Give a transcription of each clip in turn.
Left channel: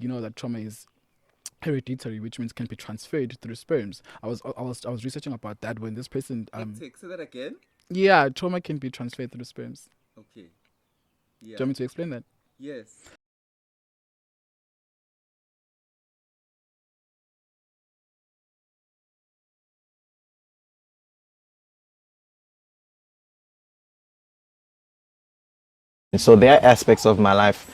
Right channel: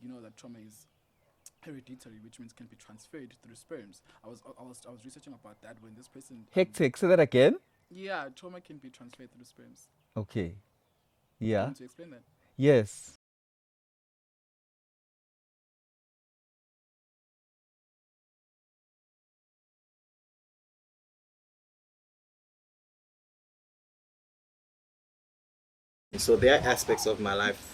you know that trauma is hereditary, which means can be transferred through sperms. I was researching about that when this person Hectic. Say that again. yeah, trauma can be transferred through sperms. Okay. Do you Yeah. want me to explain that? Yes. So there are aspects of my life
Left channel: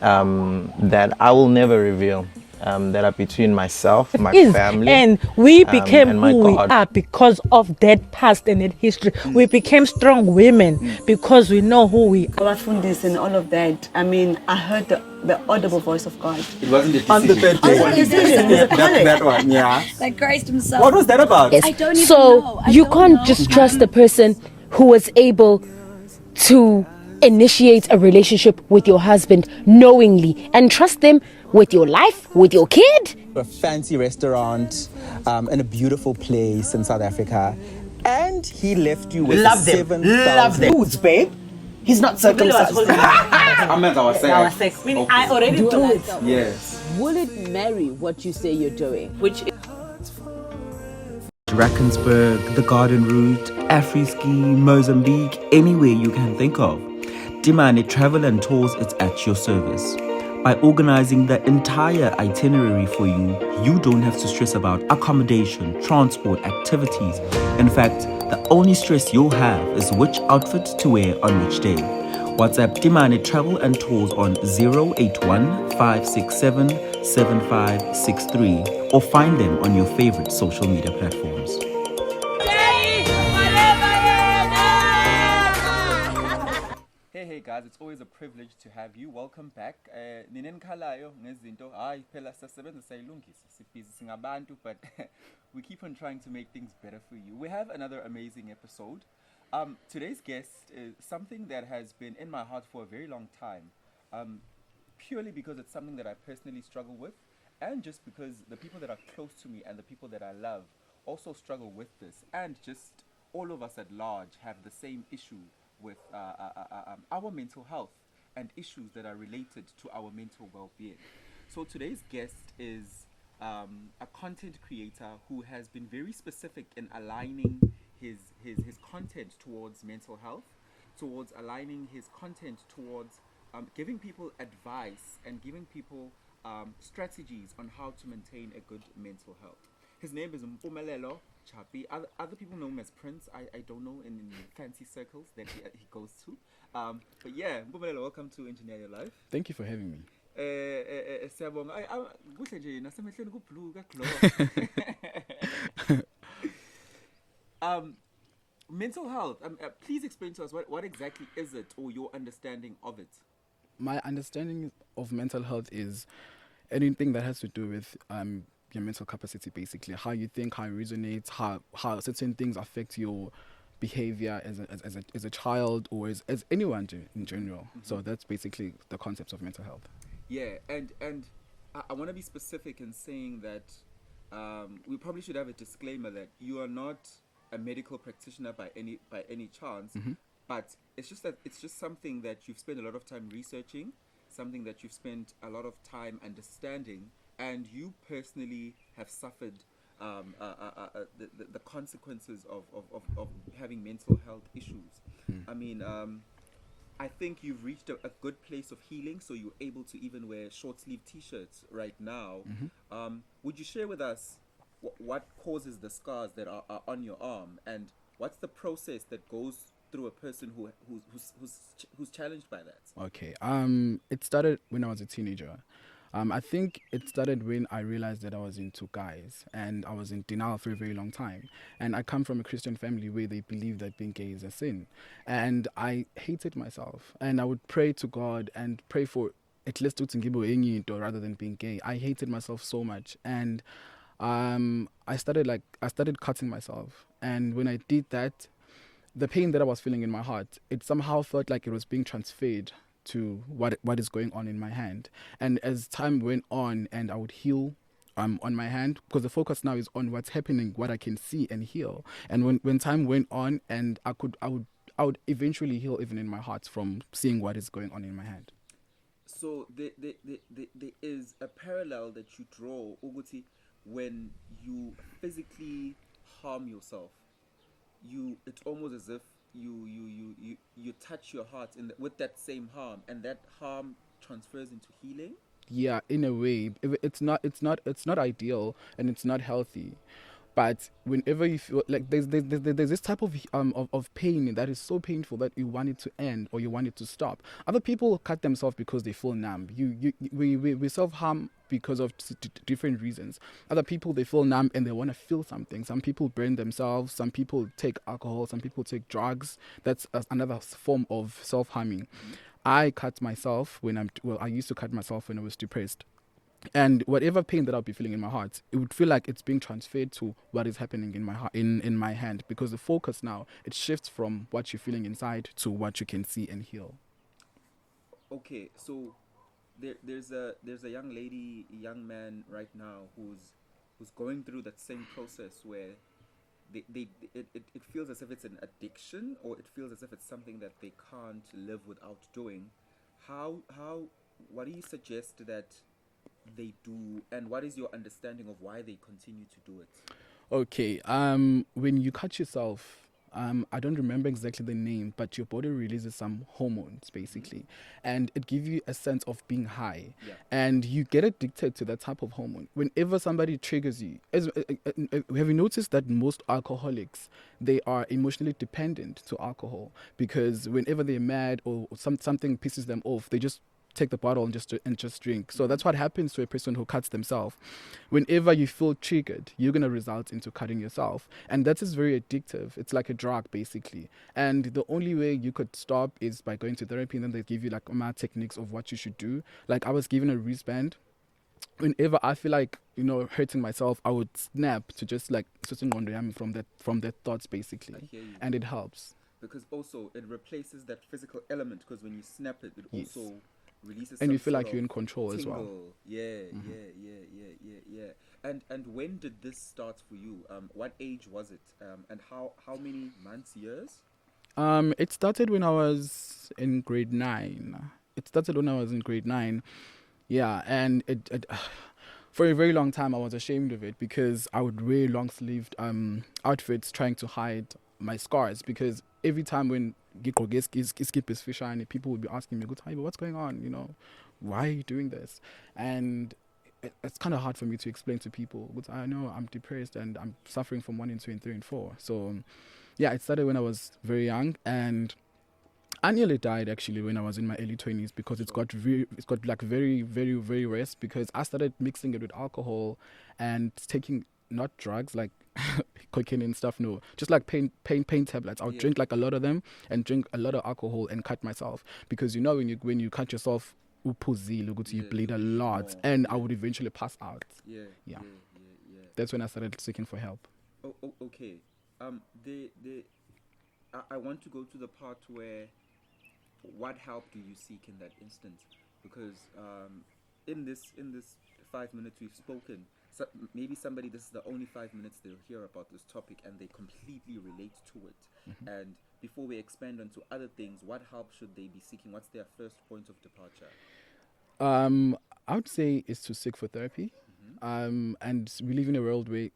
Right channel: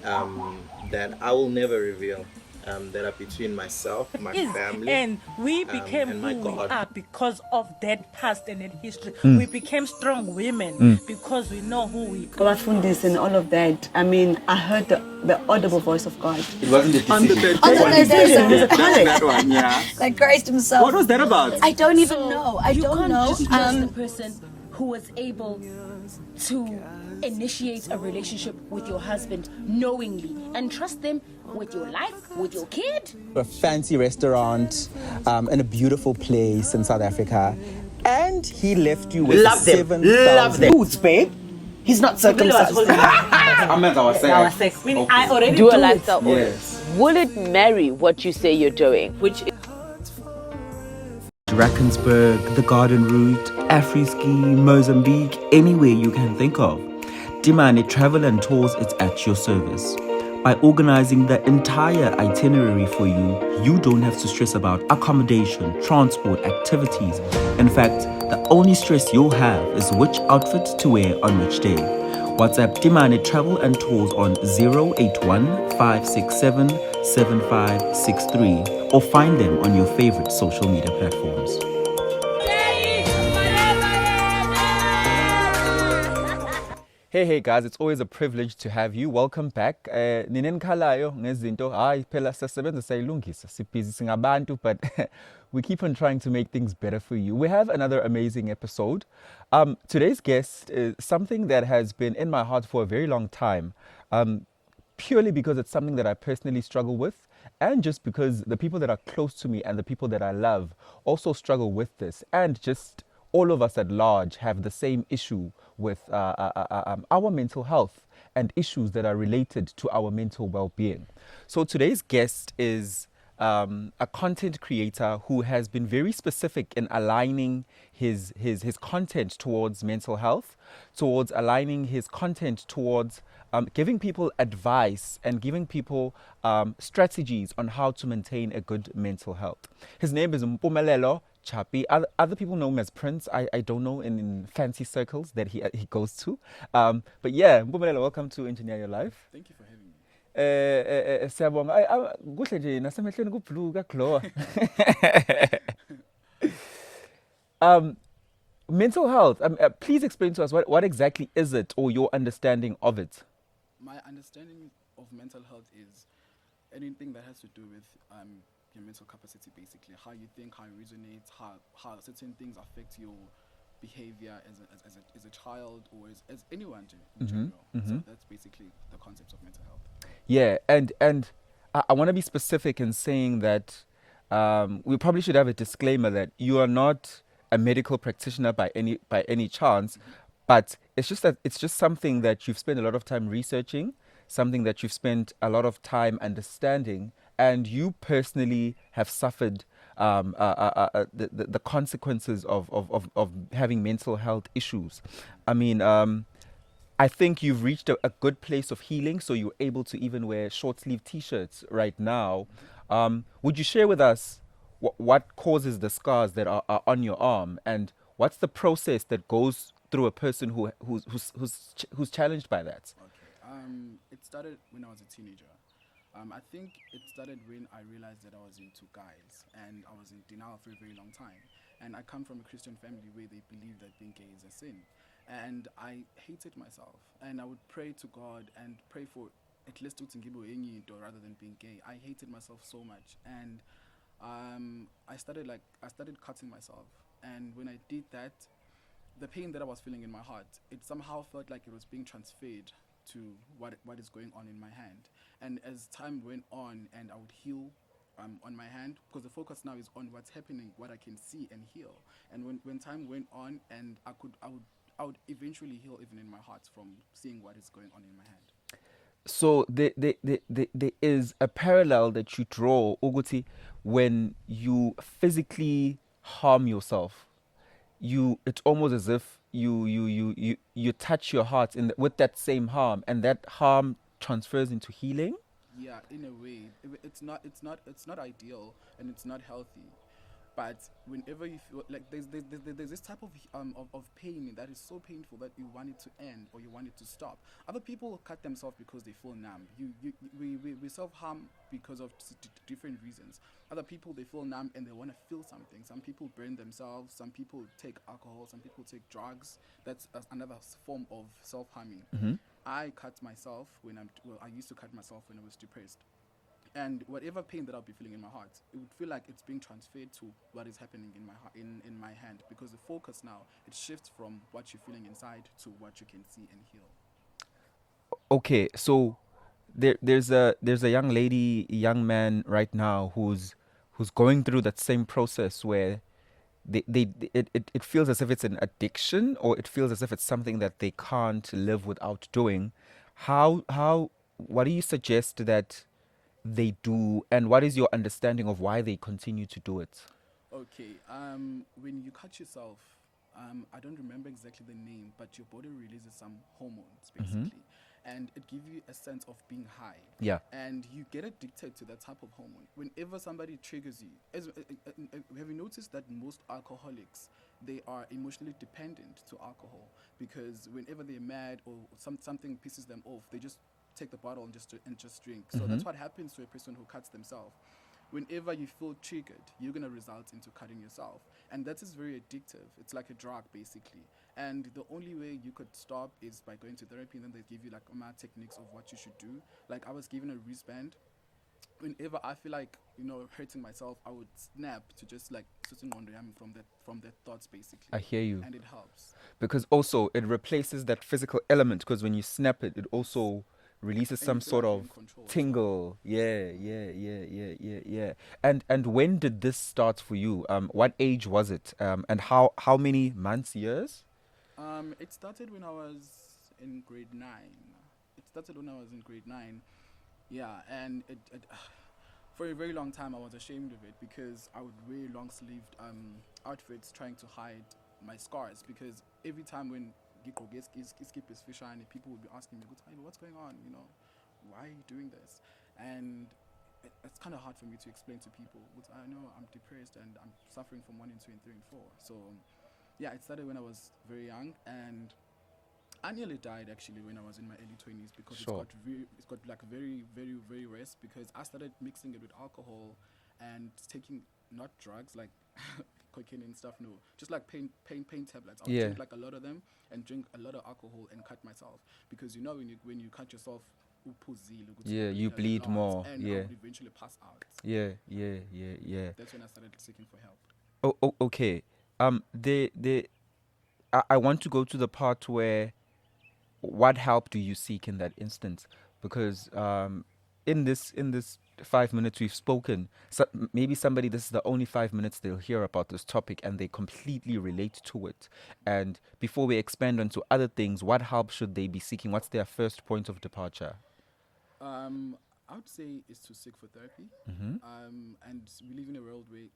that I will never reveal. That are between myself, my family, and we became and my who we God. are because of that past and that history. We became strong women because we know who we are. Our fundis and all of that. I mean, I heard the audible voice of God. It wasn't a On the decision. third day. Decision. It was a calling. That one, yeah. Like Christ himself. What was that about? I don't even So know. I you don't can't know. just trust the person who was able to initiate a relationship with your husband knowingly and trust them with your life, with your kid. A fancy restaurant in a beautiful place in South Africa, and he left you with Love them. 7,000 Foods, babe. He's not circumcised. I meant our Our sex. sex. Meaning Okay. I already Do a do it. lifestyle. Yes. Will it marry what you say you're doing? Which Drakensberg, the Garden Route, Afriski, Mozambique, anywhere you can think of. Dimane Travel and Tours is at your service. By organizing the entire itinerary for you, you don't have to stress about accommodation, transport, activities. In fact, the only stress you'll have is which outfit to wear on which day. WhatsApp Dimane Travel and Tours on 081 567 7563 or find them on your favorite social media platforms. Hey guys, it's always a privilege to have you. Welcome back. Ninenkhalayo ngezinto hayi phela siyasebenza sayilungisa sibhizi singabantu, but we keep on trying to make things better for you. We have another amazing episode. Today's guest is something that has been in my heart for a very long time, purely because it's something that I personally struggle with, and just because the people that are close to me and the people that I love also struggle with this, and just all of us at large have the same issue with our mental health and issues that are related to our mental well-being. So today's guest is a content creator who has been very specific in aligning his content towards mental health, towards aligning his content towards giving people advice and giving people strategies on how to maintain a good mental health. His name is Mpumelelo CHAPI. Other people know him as Prince. I don't know in fancy circles that he goes to. But yeah, Mpumelelo, welcome to Engineer Your Life. Thank you for having me. Siyabonga. Kuhle nje nasemehlweni kubhlue kaglow. Mental health. Please explain to us what exactly is it, or your understanding of it. My understanding of mental health is anything that has to do with your mental capacity, basically how you think, how you resonate, how certain things affect your behavior as a child or as anyone in general. So that's basically the concept of mental health. Yeah, and I want to be specific in saying that we probably should have a disclaimer that you are not a medical practitioner by any chance, but it's just something that you've spent a lot of time researching, something that you've spent a lot of time understanding, and you personally have suffered the consequences of having mental health issues. I mean, I think you've reached a good place of healing, so you're able to even wear short sleeve T-shirts right now. Would you share with us what causes the scars that are on your arm, and what's the process that goes through a person who's challenged by that? Okay. It started when I was a teenager. I think it started when I realized that I was into guys, and I was in denial for a very long time. And I come from a Christian family where they believe that being gay is a sin. And I hated myself. And I would pray to God and pray for at least rather than being gay. I hated myself so much. And I started cutting myself. And when I did that, the pain that I was feeling in my heart, it somehow felt like it was being transferred to what is going on in my hand. And as time went on and I would heal on my hand, because the focus now is on what's happening, what I can see and heal. And when time went on, and I would eventually heal even in my heart from seeing what is going on in my hand. So there is a parallel that you draw, Uguti, when you physically harm yourself. It's almost as if you touch your heart with that same harm, and that harm transfers into healing. Yeah, in a way, it's not ideal and it's not healthy. But whenever you feel like there's this type of pain that is so painful that you want it to end or you want it to stop. Other people cut themselves because they feel numb. We self harm because of different reasons. Other people, they feel numb and they want to feel something. Some people burn themselves. Some people take alcohol. Some people take drugs. That's another form of self harming. I cut myself I used to cut myself when I was depressed. And whatever pain that I'll be feeling in my heart, it would feel like it's being transferred to what is happening in my heart, in my hand, because the focus now, it shifts from what you're feeling inside to what you can see and heal. Okay, so there's a young man right now who's going through that same process where it feels as if it's an addiction, or it feels as if it's something that they can't live without doing. What do you suggest that they do, and what is your understanding of why they continue to do it? Okay, when you cut yourself, I don't remember exactly the name, but your body releases some hormones basically, and it gives you a sense of being high. Yeah. And you get addicted to that type of hormone. Whenever somebody triggers you, have you noticed that most alcoholics, they are emotionally dependent to alcohol, because whenever they're mad or something pisses them off, they just take the bottle and just drink. So that's what happens to a person who cuts themselves. Whenever you feel triggered, you're going to result into cutting yourself, and that is very addictive. It's like a drug basically, and the only way you could stop is by going to therapy, and then they give you like techniques of what you should do. Like I was given a wristband. Whenever I feel like hurting myself, I would snap to just like from that thoughts basically. I hear you. And it helps because also it replaces that physical element, because when you snap it, it also releases and some you feel sort like of you're in control tingle. as well. Yeah. And when did this start for you? What age was it? And how many months, years? It started when I was in grade 9. Yeah, and it for a very long time I was ashamed of it, because I would wear long sleeved outfits trying to hide my scars, because every time when skip is fish and people would be asking me, what's going on? Why are you doing this? And it's kind of hard for me to explain to people, but I know I'm depressed and I'm suffering from 1 and 2 and 3 and 4. So yeah, it started when I was very young, and I nearly died actually when I was in my early 20s, because it's got like very, very, very worse, because I started mixing it with alcohol and taking not drugs like cocaine and stuff, no, just like pain tablets. I'll drink like a lot of them and drink a lot of alcohol and cut myself, because when you cut yourself, you bleed a lot more. And I would eventually pass out. Yeah. That's when I started seeking for help. Okay. I want to go to the part where, what help do you seek in that instance? Because in this 5 minutes we've spoken, so maybe somebody, this is the only 5 minutes they'll hear about this topic and they completely relate to it. And before we expand onto other things, what help should they be seeking? What's their first point of departure? I would say is to seek for therapy. And we live in a world where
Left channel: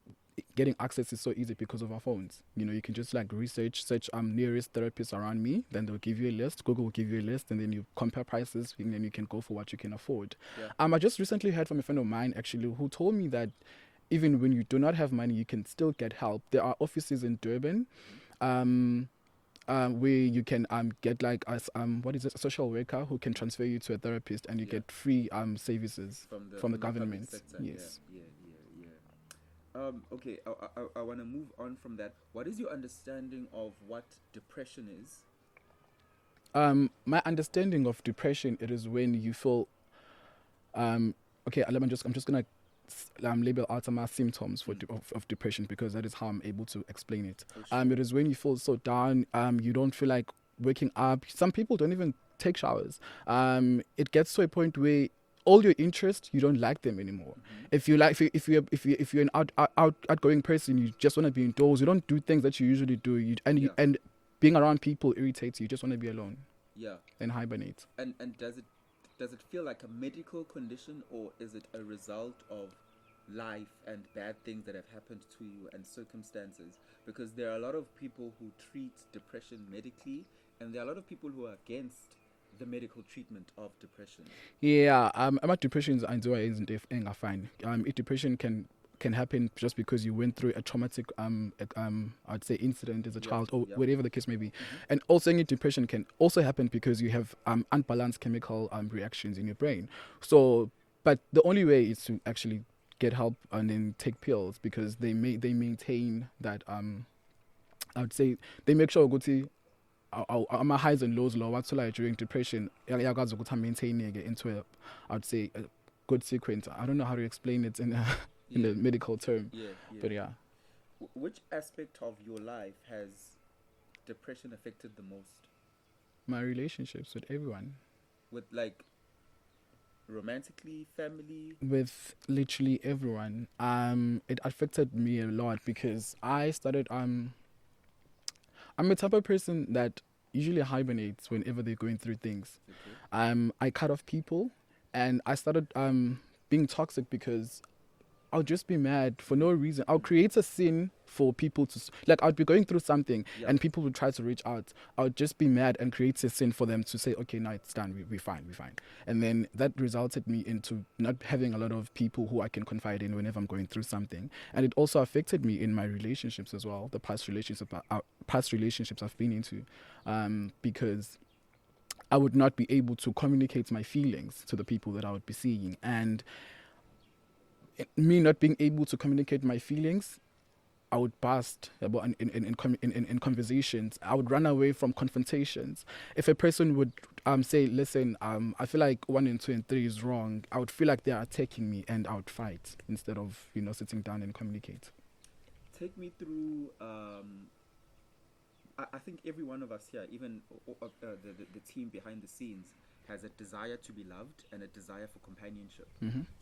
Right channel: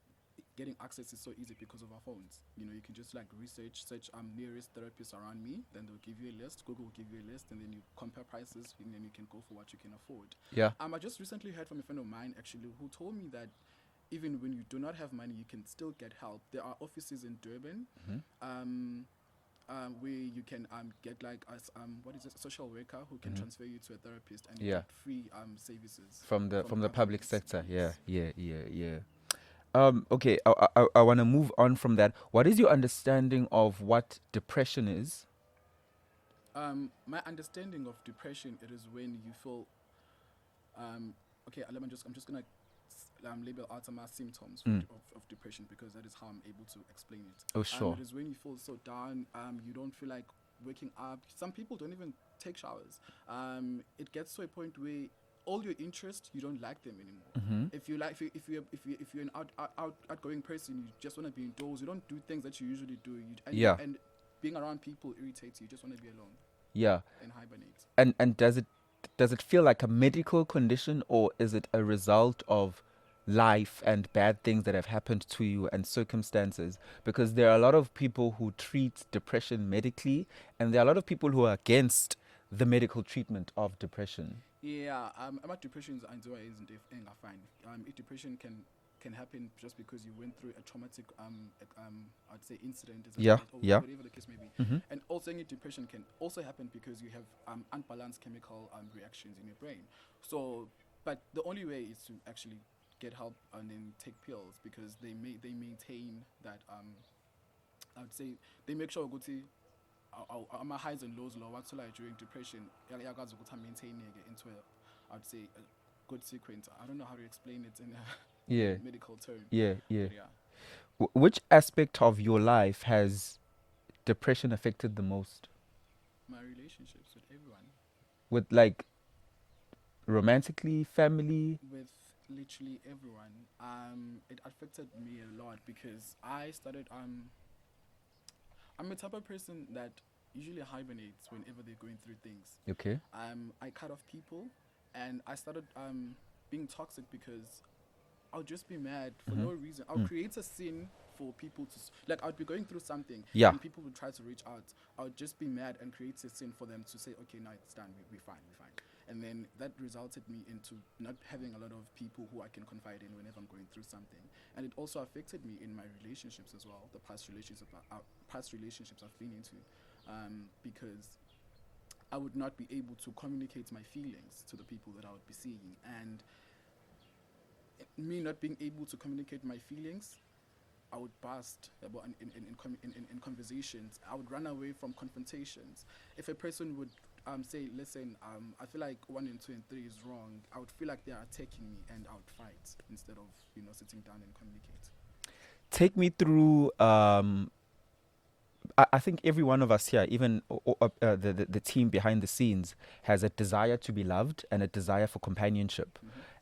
getting access is so easy because of our phones. You can just like search nearest therapists around me, then they'll give you a list. Google will give you a list, and then you compare prices, and then you can go for what you can afford. I just recently heard from a friend of mine actually, who told me that even when you do not have money, you can still get help. There are offices in Durban where you can get like a social worker who can transfer you to a therapist, and you get free services from the public sector. Yes. Yeah. Okay, I want to move on from that. What is your understanding of what depression is? My understanding of depression, it is when you feel okay, I'm just gonna label out some symptoms of depression, because that is how I'm able to explain it. It is when you feel so down, you don't feel like waking up. Some people don't even take showers. It gets to a point where all your interests, you don't like them anymore. If you're an outgoing person, you just want to be indoors. You don't do things that you usually do. And being around people irritates you. You just want to be alone. Yeah. And hibernate. And does it does it feel like a medical condition, or is it a result of life and bad things that have happened to you and circumstances? Because there are a lot of people who treat depression medically, and there are a lot of people who are against the medical treatment of depression. Yeah, about depression isn't fine. Depression can happen just because you went through a traumatic I'd say incident as a child, or whatever the case may be. And also depression can also happen because you have unbalanced chemical reactions in your brain. So, but the only way is to actually get help and then take pills, because they maintain that I would say they make sure my highs and lows what's like during depression maintaining it into I would say a good sequence. I don't know how to explain it in a medical term. But yeah. Which aspect of your life has depression affected the most? My relationships with everyone. With like romantically, family? With literally everyone. It affected me a lot because I started I'm a type of person that usually hibernates whenever they're going through things. Okay. I cut off people, and I started being toxic because I'll just be mad for no reason. I'll create a scene for people to like. I'd be going through something, and people would try to reach out. I would just be mad and create a scene for them to say, "Okay, now it's done. We're fine. And then that resulted me into not having a lot of people who I can confide in whenever I'm going through something. And it also affected me in my relationships as well. The past relationships I've been into, because I would not be able to communicate my feelings to the people that I would be seeing, and me not being able to communicate my feelings, I would burst in conversations. I would run away from confrontations. If a person would say, listen, I feel like 1 and 2 and 3 is wrong, I would feel like they are attacking me, and I would fight instead of sitting down and communicate. Take me through I think every one of us here, even the team behind the scenes, has a desire to be loved and a desire for companionship.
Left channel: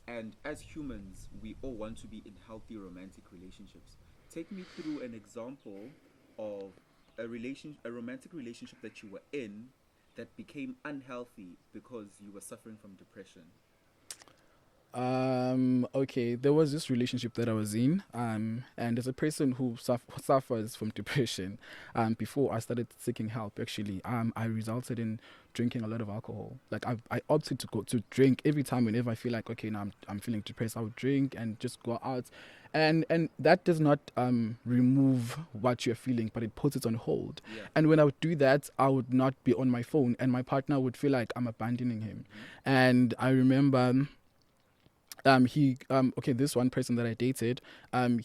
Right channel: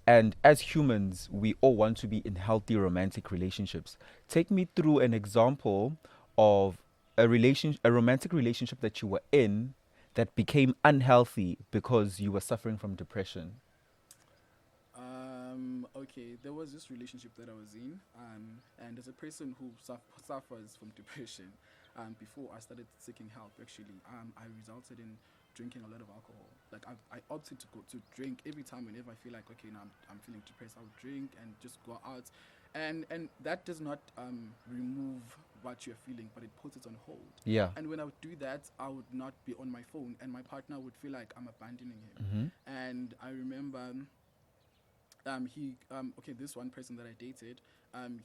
And as humans, we all want to be in healthy romantic relationships. Take me through an example of a romantic relationship that you were in that became unhealthy because you were suffering from depression. Okay, there was this relationship that I was in, and as a person who suffers from depression, before I started seeking help, actually, I resulted in drinking a lot of alcohol. Like I opted to drink every time whenever I feel like, okay, now I'm feeling depressed, I would drink and just go out, and that does not remove what you're feeling, but it puts it on hold. Yeah. And when I would do that, I would not be on my phone, and my partner would feel like I'm abandoning him. And I remember. This one person that I dated, I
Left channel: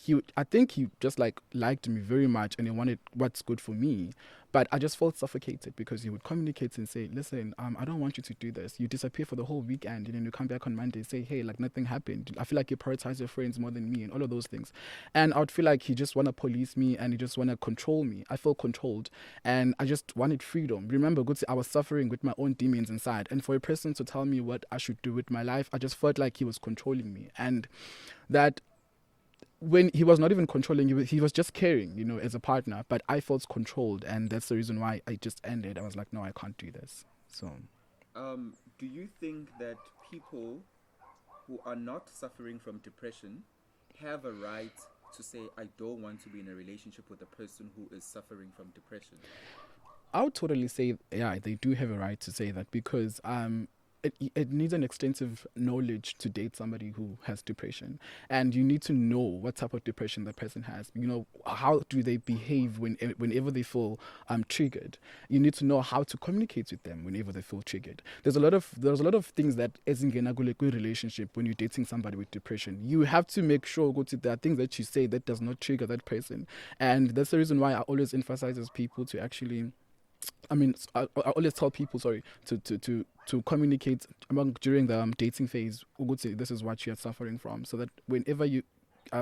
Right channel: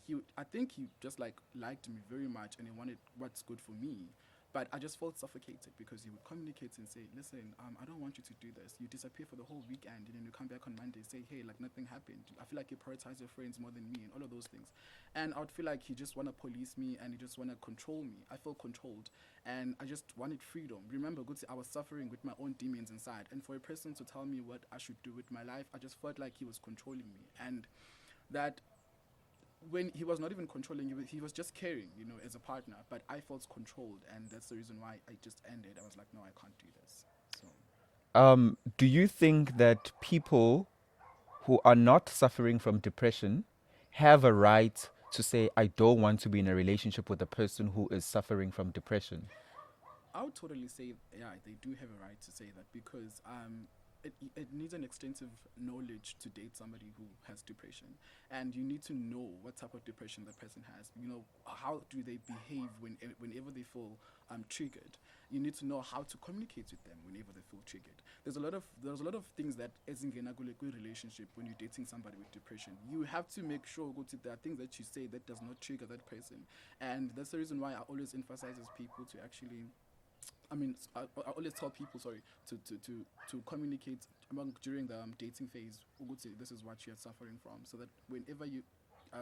think he just liked me very much, and he wanted what's good for me. But I just felt suffocated because he would communicate and say, listen, I don't want you to do this. You disappear for the whole weekend, and then you come back on Monday and say, hey, like nothing happened. I feel like you prioritize your friends more than me, and all of those things. And I would feel like he just want to police me, and he just want to control me. I felt controlled, and I just wanted freedom. Remember, I was suffering with my own demons inside. And for a person to tell me what I should do with my life, I just felt like he was controlling me. And that when he was not even controlling, he was just caring, as a partner, but I felt controlled, and that's the reason why I just ended. I was like, no, I can't do this. So do you think that people who are not suffering from depression have a right to say, I don't want to be in a relationship with a person who is suffering from depression? I would totally say, yeah, they do have a right to say that, because it needs an extensive knowledge to date somebody who has depression, and you need to know what type of depression that person has. How do they behave whenever they feel triggered. You need to know how to communicate with them whenever they feel triggered. There's a lot of things that isn't gonna go like a relationship when you're dating somebody with depression. You have to make sure there are things that you say that does not trigger that person, and that's the reason why I always emphasize people to actually. I always tell people, to communicate during the dating phase. This is what you are suffering from, so that whenever you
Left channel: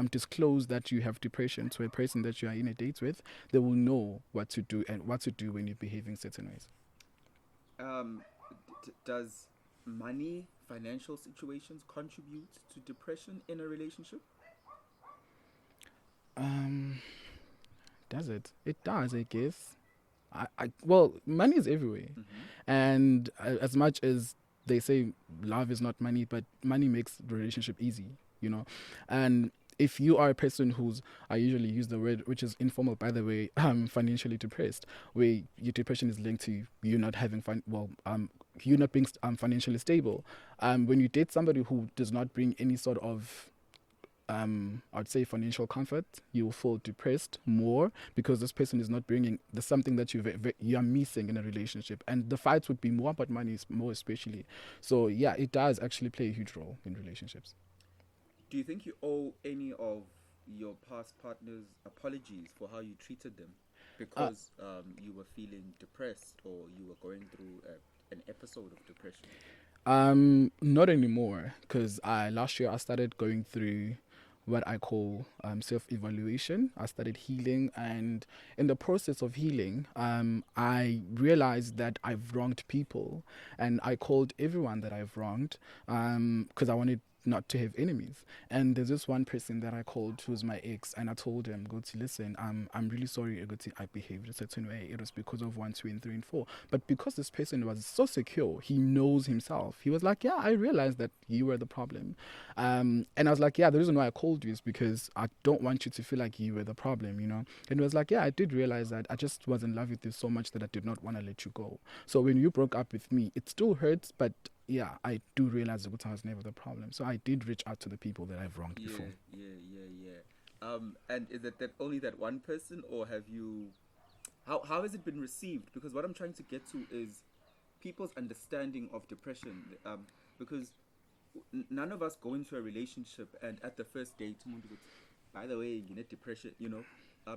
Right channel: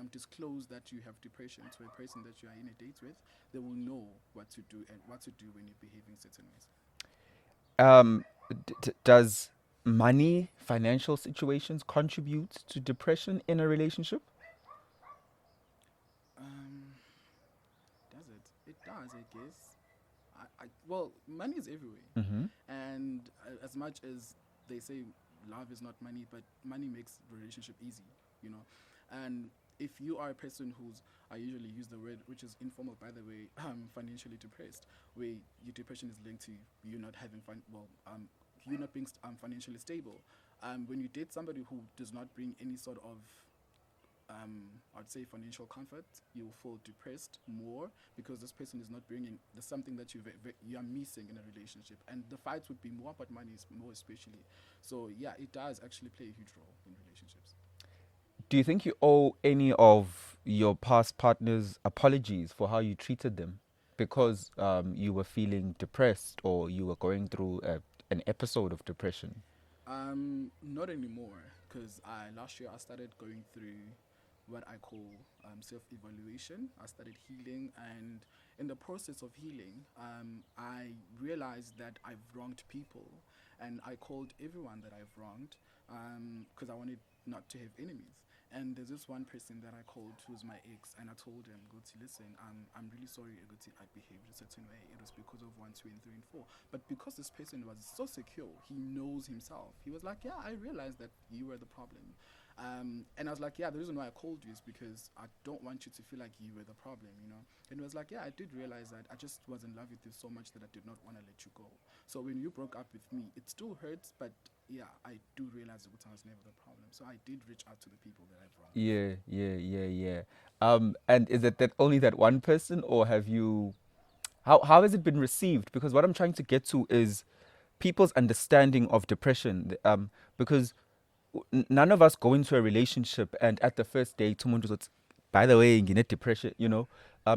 disclose that you have depression to a person that you are in a date with, they will know what to do and what to do when you're behaving certain ways. Does money, financial situations contribute to depression in a relationship? Does it? It does, I guess. Well, money is everywhere, and as much as they say love is not money, but money makes the relationship easy, you know. And if you are a person who's, I usually use the word, which is informal, by the way, financially depressed, where your depression is linked to you not having you not being financially stable. When you date somebody who does not bring any sort of I'd say financial comfort, you will feel depressed more because this person is not bringing the something that you are missing in a relationship, and the fights would be more about money, more especially. So yeah, it does actually play a huge role in relationships. Do you think you owe any of your past partners apologies for how you treated them because you were feeling depressed or you were going through an episode of depression? Not anymore, because last year I started going through what I call self-evaluation. I started healing, and in the process of healing, I realized that I've wronged people, and I called everyone that I've wronged because I wanted not to have enemies. And there's this one person that I called who's my ex, and I told him, go to listen, I'm really sorry I behaved a certain way. It was because of 1, 2, and 3, and 4. But because this person was so secure, he knows himself. He was like, yeah, I realized that you were the problem. And I was like, yeah, the reason why I called you is because I don't want you to feel like you were the problem, you know. And it was like, yeah, I did realize that I just was in love with you so much that I did not want to let you go. So when you broke up with me, it still hurts, but yeah, I do realize that I was never the problem. So I did reach out to the people that I've wronged before. Yeah. And is it that only that one person, or have you? How has it been received? Because what I'm trying to get to is people's understanding of depression. Because none of us go into a relationship and at the first date, someone just, by the way, you need depression, you know.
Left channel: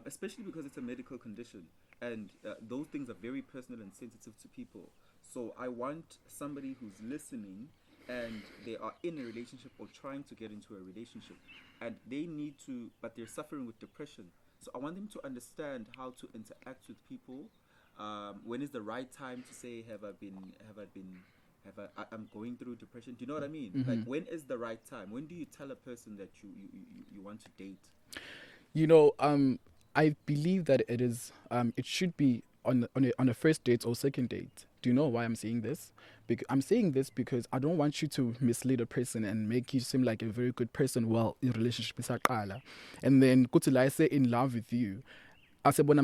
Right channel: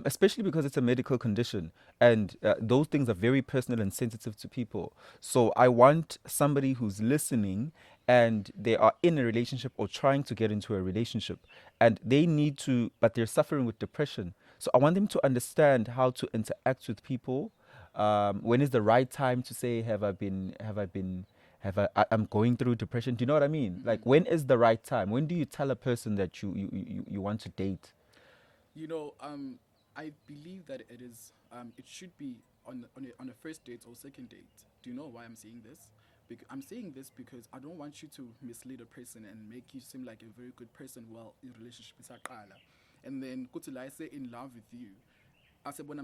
Especially because it's a medical condition, and those things are very personal and sensitive to people. So I want somebody who's listening and they are in a relationship or trying to get into a relationship, and they need to, but they're suffering with depression. So I want them to understand how to interact with people. When is the right time to say, I'm going through depression? Do you know what I mean? Mm-hmm. Like, when is the right time? When do you tell a person that you want to date? You know, I believe that it is. It should be on a first date or second date. Do you know why I'm saying this? I'm saying this because I don't want you to mislead a person and make you seem like a very good person while your relationship is aqala, and then go to say in love with you. I said when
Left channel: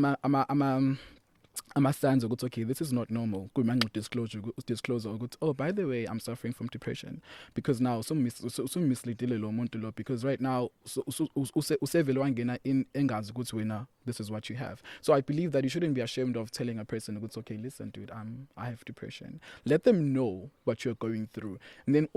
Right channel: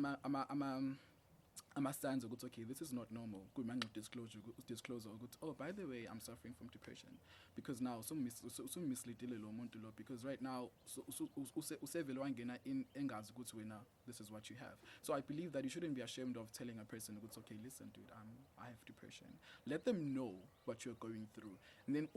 signs of okay, this is not normal. Disclosure. Oh, by the way, I'm suffering from depression because now some misleading lo muntu lo, because right now usevele wangena in engazi ukuthi wena this is what you have. So I believe that you shouldn't be ashamed of telling a person it's okay, listen dude, I have depression. Let them know what you're going through, and then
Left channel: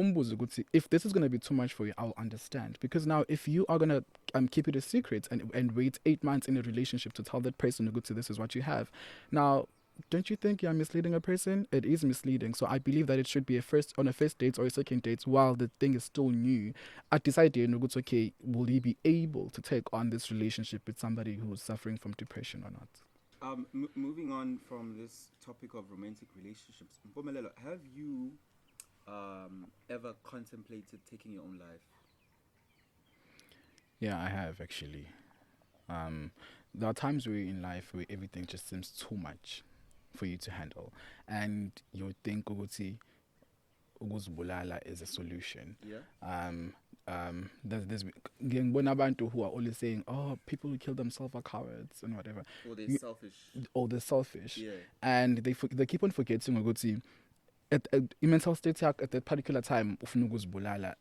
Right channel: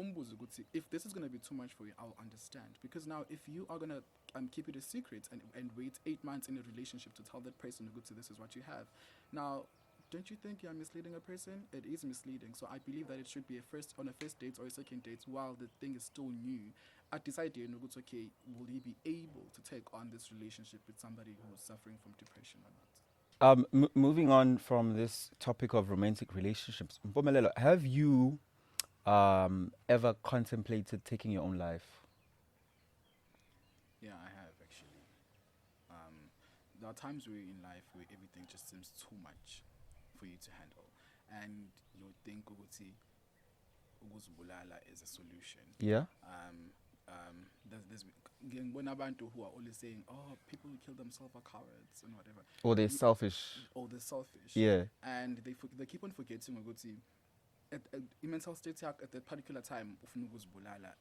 if this is going to be too much for you, I'll understand. Because now if you are going to keep it a secret and wait 8 months in a relationship to tell that person this is what you have, now don't you think you're misleading a person? It is misleading. So I believe that it should be on a first date or a second date while the thing is still new. I decided, okay, will he be able to take on this relationship with somebody who's suffering from depression or not? Moving on from this topic of romantic relationships, Mpumelelo, have you ever contemplated taking your own life? Yeah, I have actually. There are times where in life where everything just seems too much for you to handle, and you think ukuthi ukuzibulala is a solution. Yeah. There's ngiyabona abantu who are always saying, oh, people who kill themselves are cowards and whatever. Or they're selfish. Or they're selfish. Yeah. And they keep on forgetting ukuthi at mental state at that particular time ufuna ukuzibulala.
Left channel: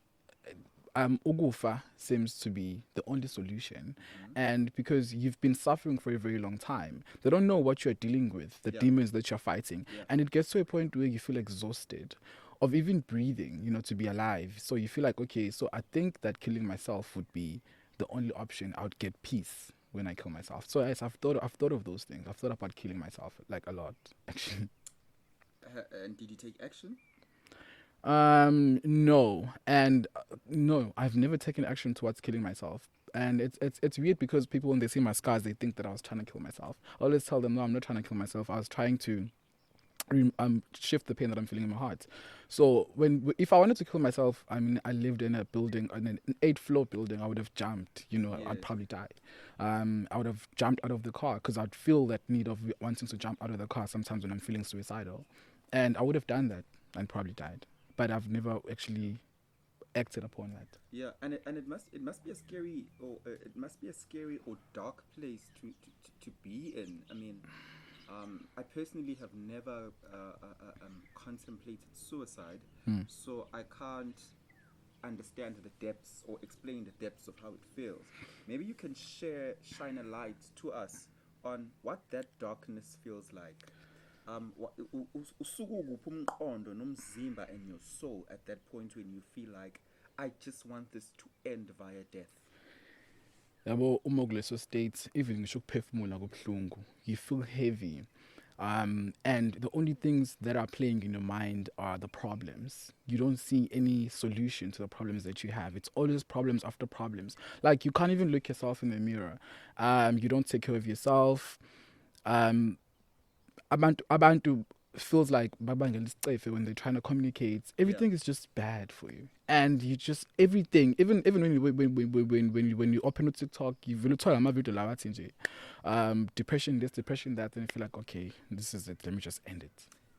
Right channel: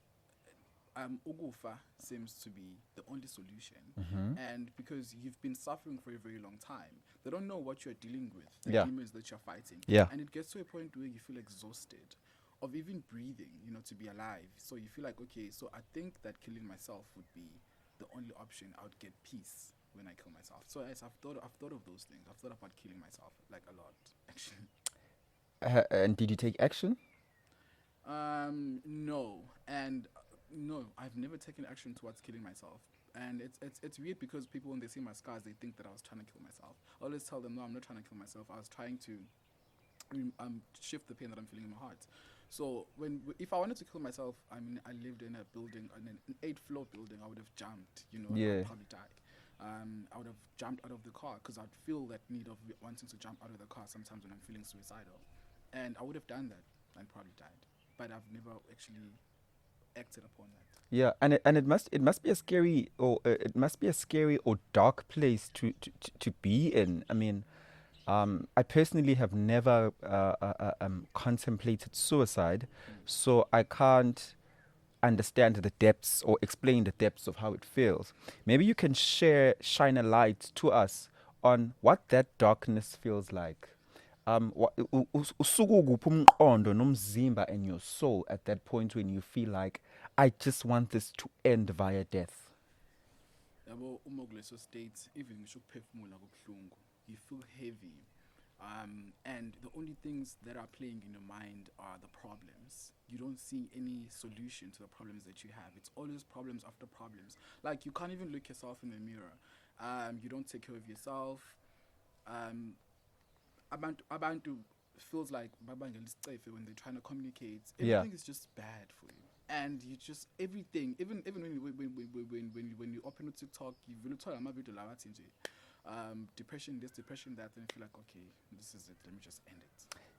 Ugufa seems to be the only solution. Mm-hmm. And because you've been suffering for a very long time, they don't know what you're dealing with, the demons that you're fighting. Yeah. And it gets to a point where you feel exhausted of even breathing, to be alive. So you feel like, okay, so I think that killing myself would be the only option. I would get peace when I kill myself. So yes, I've thought of those things. I've thought about killing myself like a lot, actually. And did you take action? No, and no, I've never taken action towards killing myself. And it's weird because people, when they see my scars, they think that I was trying to kill myself. I always tell them, no, I'm not trying to kill myself. I was trying to shift the pain that I'm feeling in my heart. So if I wanted to kill myself, I mean, I lived in a building, in an 8th-floor building, I would have jumped. I'd probably die. I would have jumped out of the car because I'd feel that need of wanting to jump out of the car sometimes when I'm feeling suicidal, and I would have done that and probably died. but I've never actually acted upon that. Yeah, and it must be a scary or dark place to be in. I mean, I personally have never contemplated suicide, so I can't understand the depths or explain the depths of how it feels. Maybe you can shine a light to us on what that darkness feels like. Usukuphi umqondo nomzimba and your soul at that point when you feel like, I just want this to end via death. Yabo uma kuleso state, even ngisho ukuphefumula kubuhlungu, you feel heavy. And the only things that are playing in your mind are the problems. You don't see any solution to the problems that you have. It's always problems after problems. Like, you can't even look yourself in the mirror. You don't take care of yourself. Abantu feels like when they're trying to communicate, everything is just bad for you, and you just everything. Even when you open a TikTok, you will tell them depression this, depression that, and you feel like, okay, this is it. Let me just end it.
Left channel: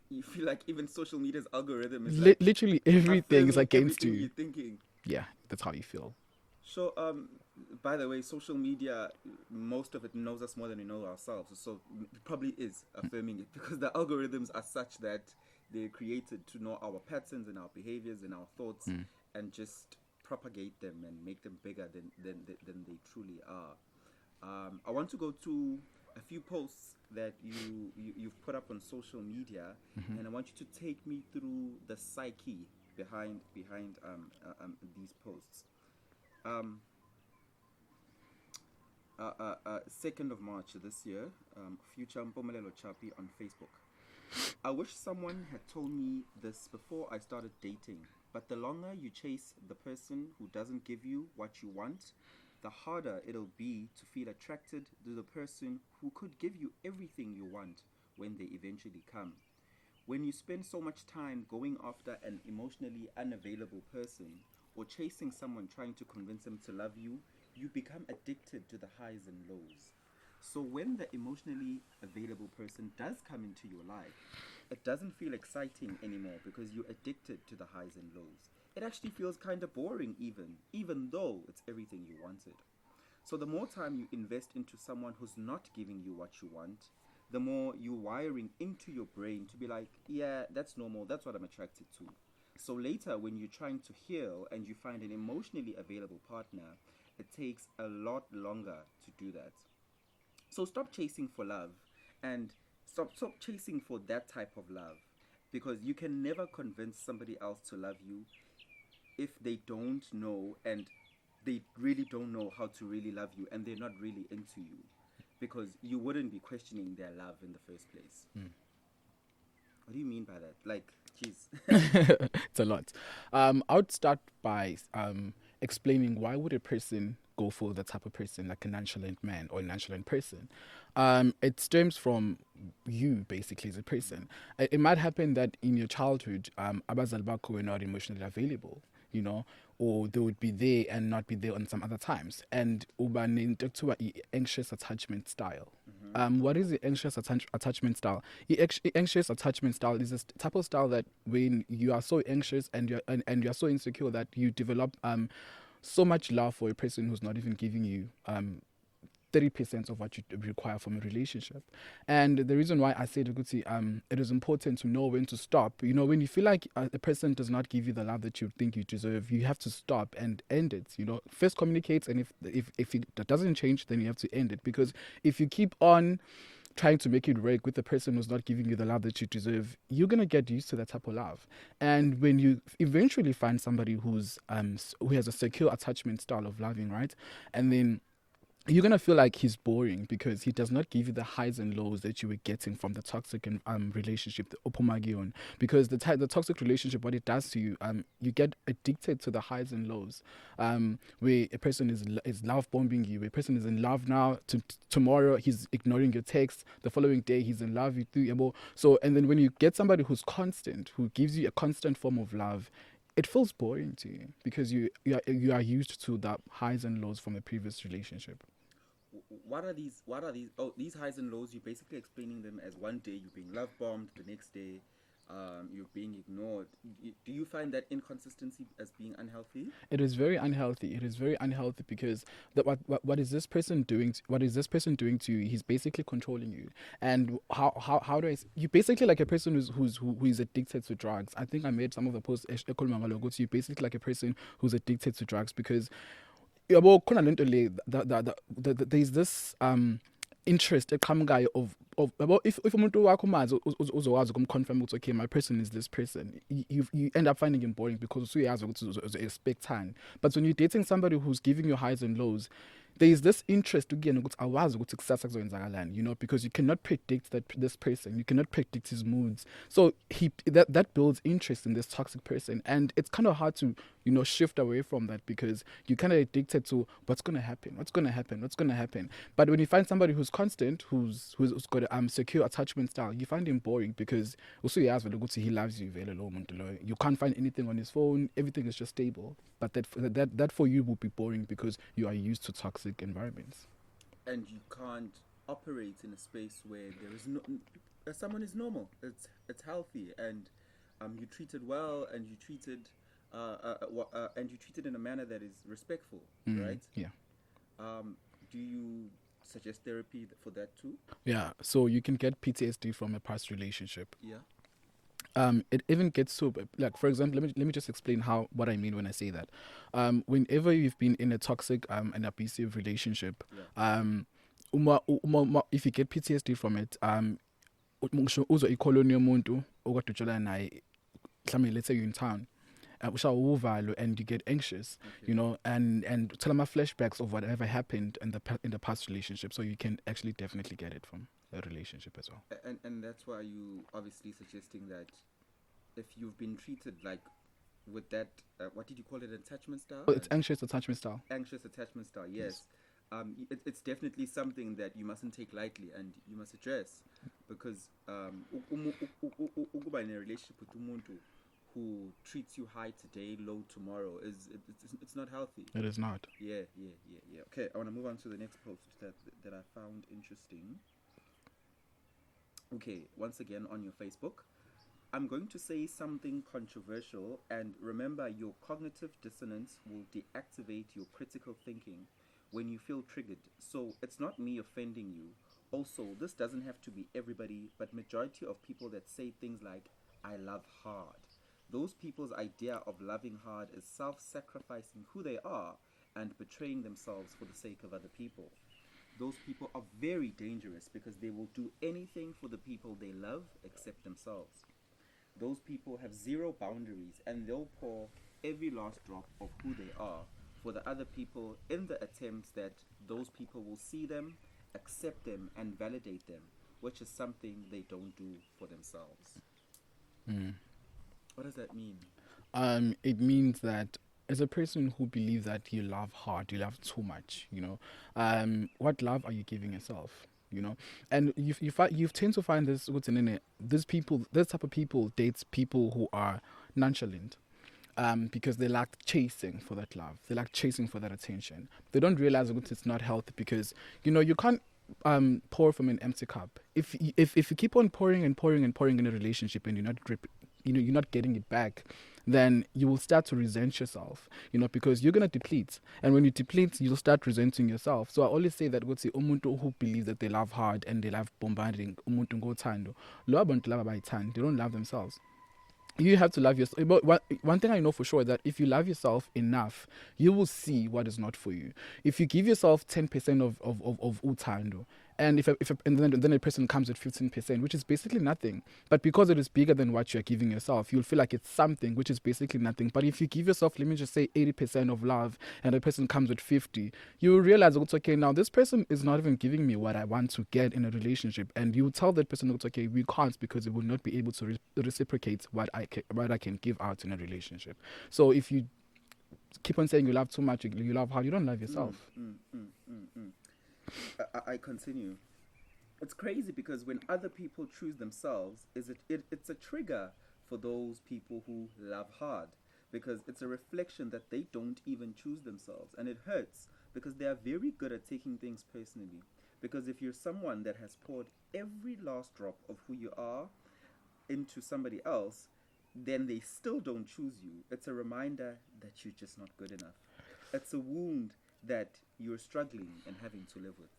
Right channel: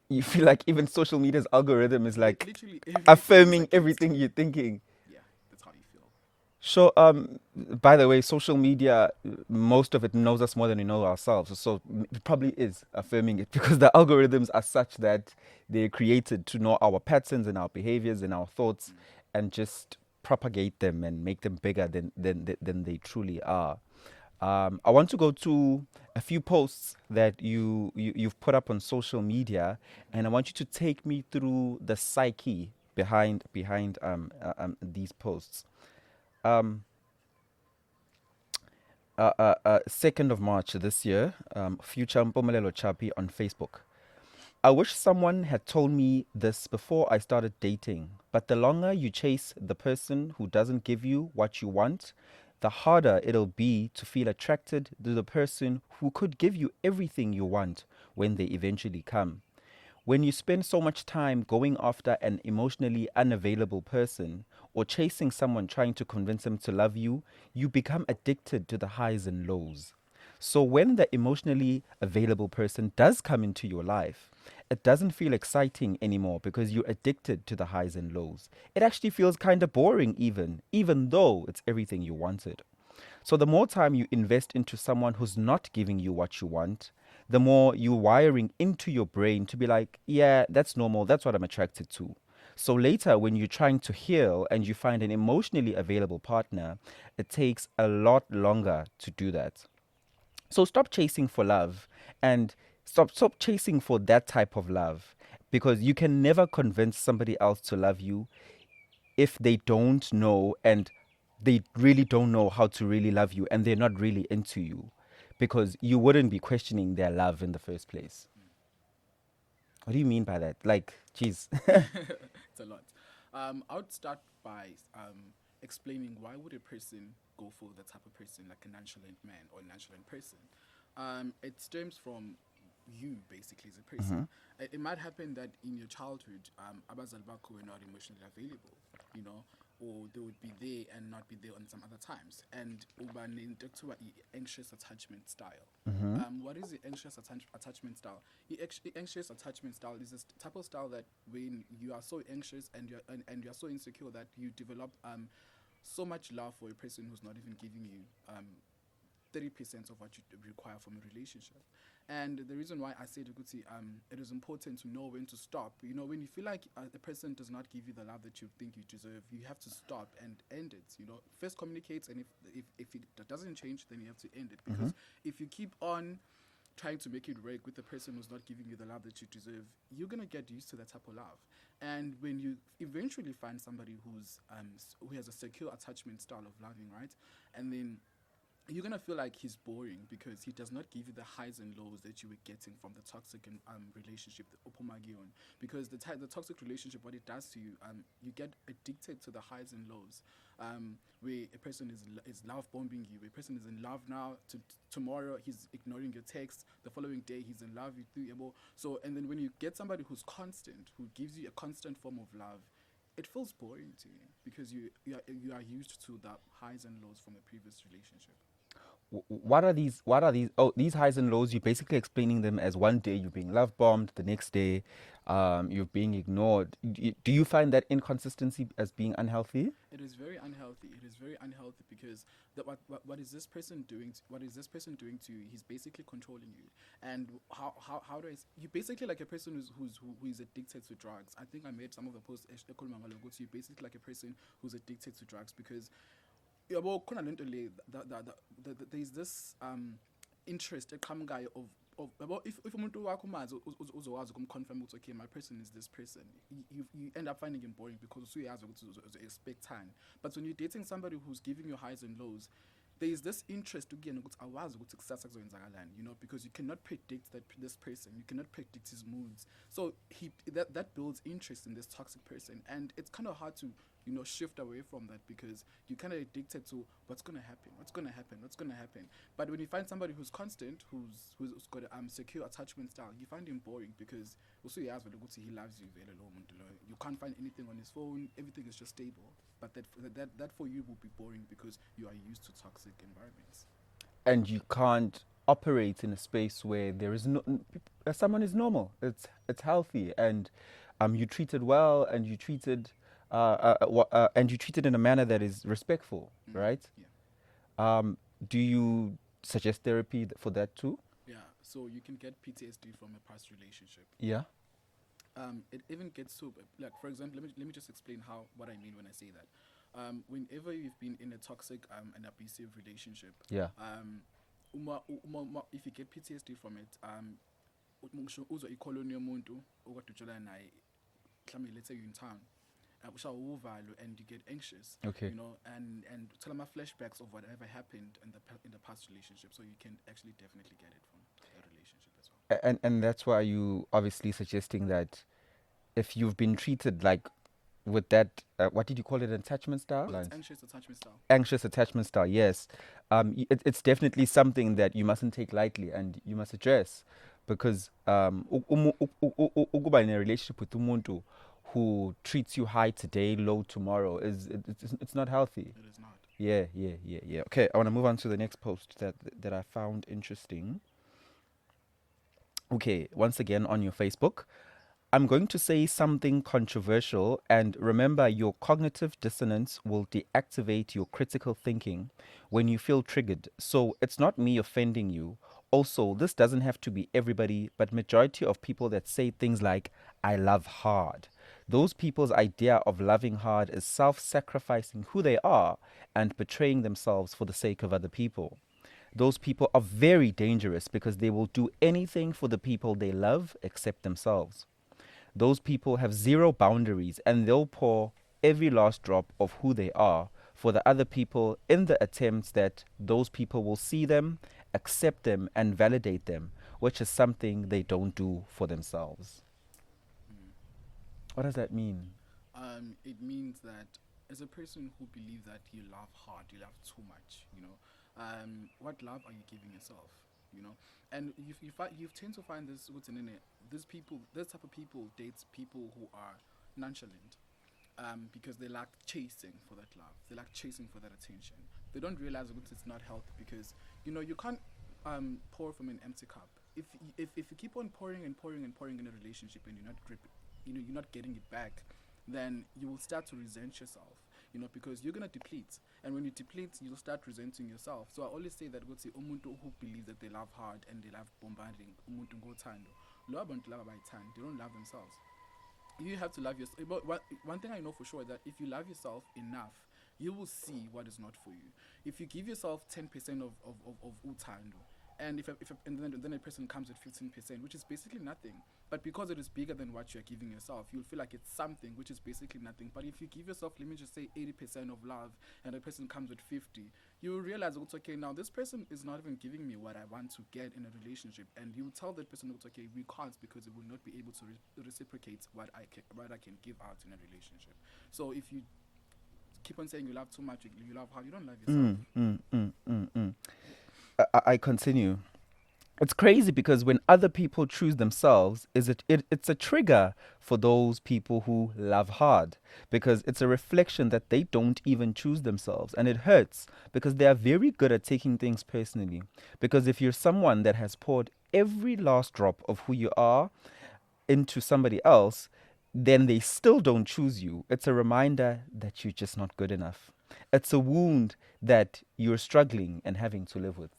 You feel like even social media's algorithm is like literally affirming everything you're thinking. Yeah, that's how you feel. So, by the way, social media, most of it knows us more than we know ourselves. So it probably is affirming it because the algorithms are such that they're created to know our patterns and our behaviors and our thoughts and just propagate them and make them bigger than they truly are. I want to go to a few posts that you've put up on social media, and I want you to take me through the psyche behind these posts. 2nd of March this year, future Mpumelelo CHAPI on Facebook. I wish someone had told me this before I started dating, but the longer you chase the person who doesn't give you what you want, the harder it'll be to feel attracted to the person who could give you everything you want when they eventually come. When you spend so much time going after an emotionally unavailable person, or chasing someone trying to convince them to love you, you become addicted to the highs and lows. So when the emotionally available person does come into your life, it doesn't feel exciting anymore because you're addicted to the highs and lows. It actually feels kind of boring even though it's everything you wanted. So the more time you invest into someone who's not giving you what you want, the more you're wiring into your brain to be like, yeah, that's normal, that's what I'm attracted to. So later, when you're trying to heal and you find an emotionally available partner, it takes a lot longer to do that. So stop chasing for love and stop chasing for that type of love, because you can never convince somebody else to love you if they don't know, and they really don't know how to really love you, and they're not really into you, because you wouldn't be questioning their love in the first place. What do you mean by that? Like, geez. It's a lot. I would start by explaining why would a person go for the type of person like a nonchalant man or a nonchalant person. It stems from you basically as a person. It might happen that in your childhood, abazali bakho were not emotionally available, you know, or they would be there and not be there on some other times. And uba nento ekuthiwa anxious attachment style. What is the anxious attachment style? Anxious attachment style is a type of style that when you are so anxious and you're so insecure that you develop so much love for a person who's not even giving you 30% of what you require from a relationship. And the reason why I said it is important to know when to stop. You know, when you feel like a person does not give you the love that you think you deserve, you have to stop and end it. You know, first communicate, and if that doesn't change, then you have to end it. Because if you keep on trying to make it work with the person who's not giving you the love that you deserve, you're gonna get used to that type of love. And when you eventually find somebody who has a secure attachment style of loving, right, and then you're going to feel like he's boring because he does not give you the highs and lows that you were getting from the toxic relationship, the opomagion. Because the toxic relationship, what it does to you, you get addicted to the highs and lows, where a person is love bombing you, a person is in love now, tomorrow he's ignoring your text, the following day he's in love with you. So, and then when you get somebody who's constant, who gives you a constant form of love, it feels boring to you because you are used to the highs and lows from the previous relationship. What are these? Oh, these highs and lows, you're basically explaining them as one day you're being love bombed, the next day you're being ignored. Do you find that inconsistency as being unhealthy? It is very unhealthy. It is very unhealthy because what is this person doing? What is this person doing to you? He's basically controlling you. And how do you basically like a person who is addicted to drugs. I think I made some of the posts. You basically like a person who's addicted to drugs because yabo khona lento le there's this interest eqhamukayo of yabo if umuntu wakho mazi uzokwazi ukumconfirm ukuthi okay my person is this person, you end up finding him boring because usuyazi ukuthi uzo-expectani. But when you're dating somebody who's giving you highs and lows, there is this interest again ukuthi awazi ukuthi kusasa kuzoyenzakalani, you know, because you cannot predict this person, you cannot predict his moods. So that builds interest in this toxic person, and it's kind of hard to, you know, shift away from that because you're kind of addicted to what's going to happen. But when you find somebody who's constant, who's got a secure attachment style, you find him boring because also he loves you. You can't find anything on his phone, everything is just stable. But that for you will be boring because you are used to toxic environments. And you can't operate in a space where there is someone is normal, it's healthy, and you treated well, and you treated in a manner that is respectful, right? Yeah. Do you suggest therapy for that too? Yeah. So you can get PTSD from a past relationship. Yeah. It even gets to, like, for example, let me just explain what I mean when I say that. Whenever you've been in a toxic and abusive relationship, yeah. If you get PTSD from it, let's say you're in town, and you get anxious, okay. You know, and tell them flashbacks of whatever happened in the past relationship. So you can actually definitely get it from a relationship as well. And that's why you obviously suggesting that if you've been treated like with that, what did you call it, attachment style? Well, it's anxious attachment style. Anxious attachment style, yes. It's definitely something that you mustn't take lightly and you must address, because ukuba in a relationship with umuntu who treats you high today, low tomorrow, it's not healthy. It is not. Yeah. Okay, I want to move on to the next post that I found interesting. Okay, once again on your Facebook, I'm going to say something controversial, and remember, your cognitive dissonance will deactivate your critical thinking when you feel triggered. So it's not me offending you. Also, this doesn't have to be everybody, but majority of people that say things like, I love hard. Those people's idea of loving hard is self-sacrificing who they are and betraying themselves for the sake of other people. Those people are very dangerous because they will do anything for the people they love except themselves. Those people have zero boundaries and they'll pour every last drop of who they are for the other people in the attempts that those people will see them, accept them, and validate them, which is something they don't do for themselves. What does that mean? It means that as a person who believes that you love hard, you love too much, you know, what love are you giving yourself? You know, and you tend to find this type of people dates people who are nonchalant, because they lack chasing for that love, they lack chasing for that attention. They don't realize that it's not healthy because, you know, you can't pour from an empty cup. If you keep on pouring and pouring and pouring in a relationship and you're not getting it back, then you will start to resent yourself, you know, because you're going to deplete. And when you deplete, you'll start resenting yourself. So I always say that umuntu who believes that they love hard and they love bombarding, umuntu ngothando, lo abantu laba bayithanda, they don't love themselves. You have to love yourself. But one thing I know for sure is that if you love yourself enough, you will see what is not for you. If you give yourself 10% of utando, and then a person comes at 15%, which is basically nothing. But because it is bigger than what you're giving yourself, you'll feel like it's something, which is basically nothing. But if you give yourself, let me just say 80% of love, and a person comes with 50, you will realize it's okay, now this person is not even giving me what I want to get in a relationship. And you tell that person it's okay, we can't, because it will not be able to reciprocate what I can give out in a relationship. So if you keep on saying you love too much, you love hard, you don't love yourself. I continue. It's crazy because when other people choose themselves, it's a trigger for those people who love hard, because it's a reflection that they don't even choose themselves, and it hurts because they are very good at taking things personally. Because if you're someone that has poured every last drop of who you are, into somebody else, then they still don't choose you. It's a reminder that you're just not good enough. It's a wound that you're struggling and having to live with.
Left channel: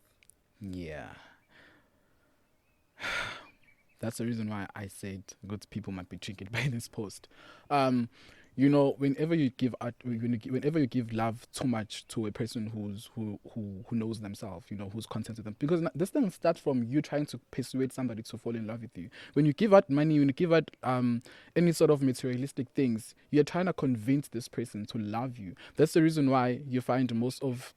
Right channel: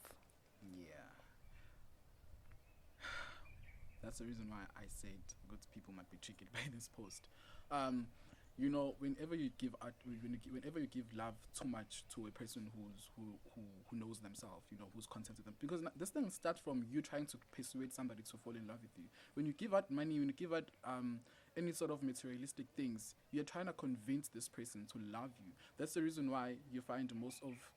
Yeah. That's the reason why I said good people might be triggered by this post. You know, whenever you give love too much to a person who knows themselves, you know, who's content with them, because this thing starts from you trying to persuade somebody to fall in love with you. When you give out money, when you give out any sort of materialistic things, you're trying to convince this person to love you. That's the reason why you find most of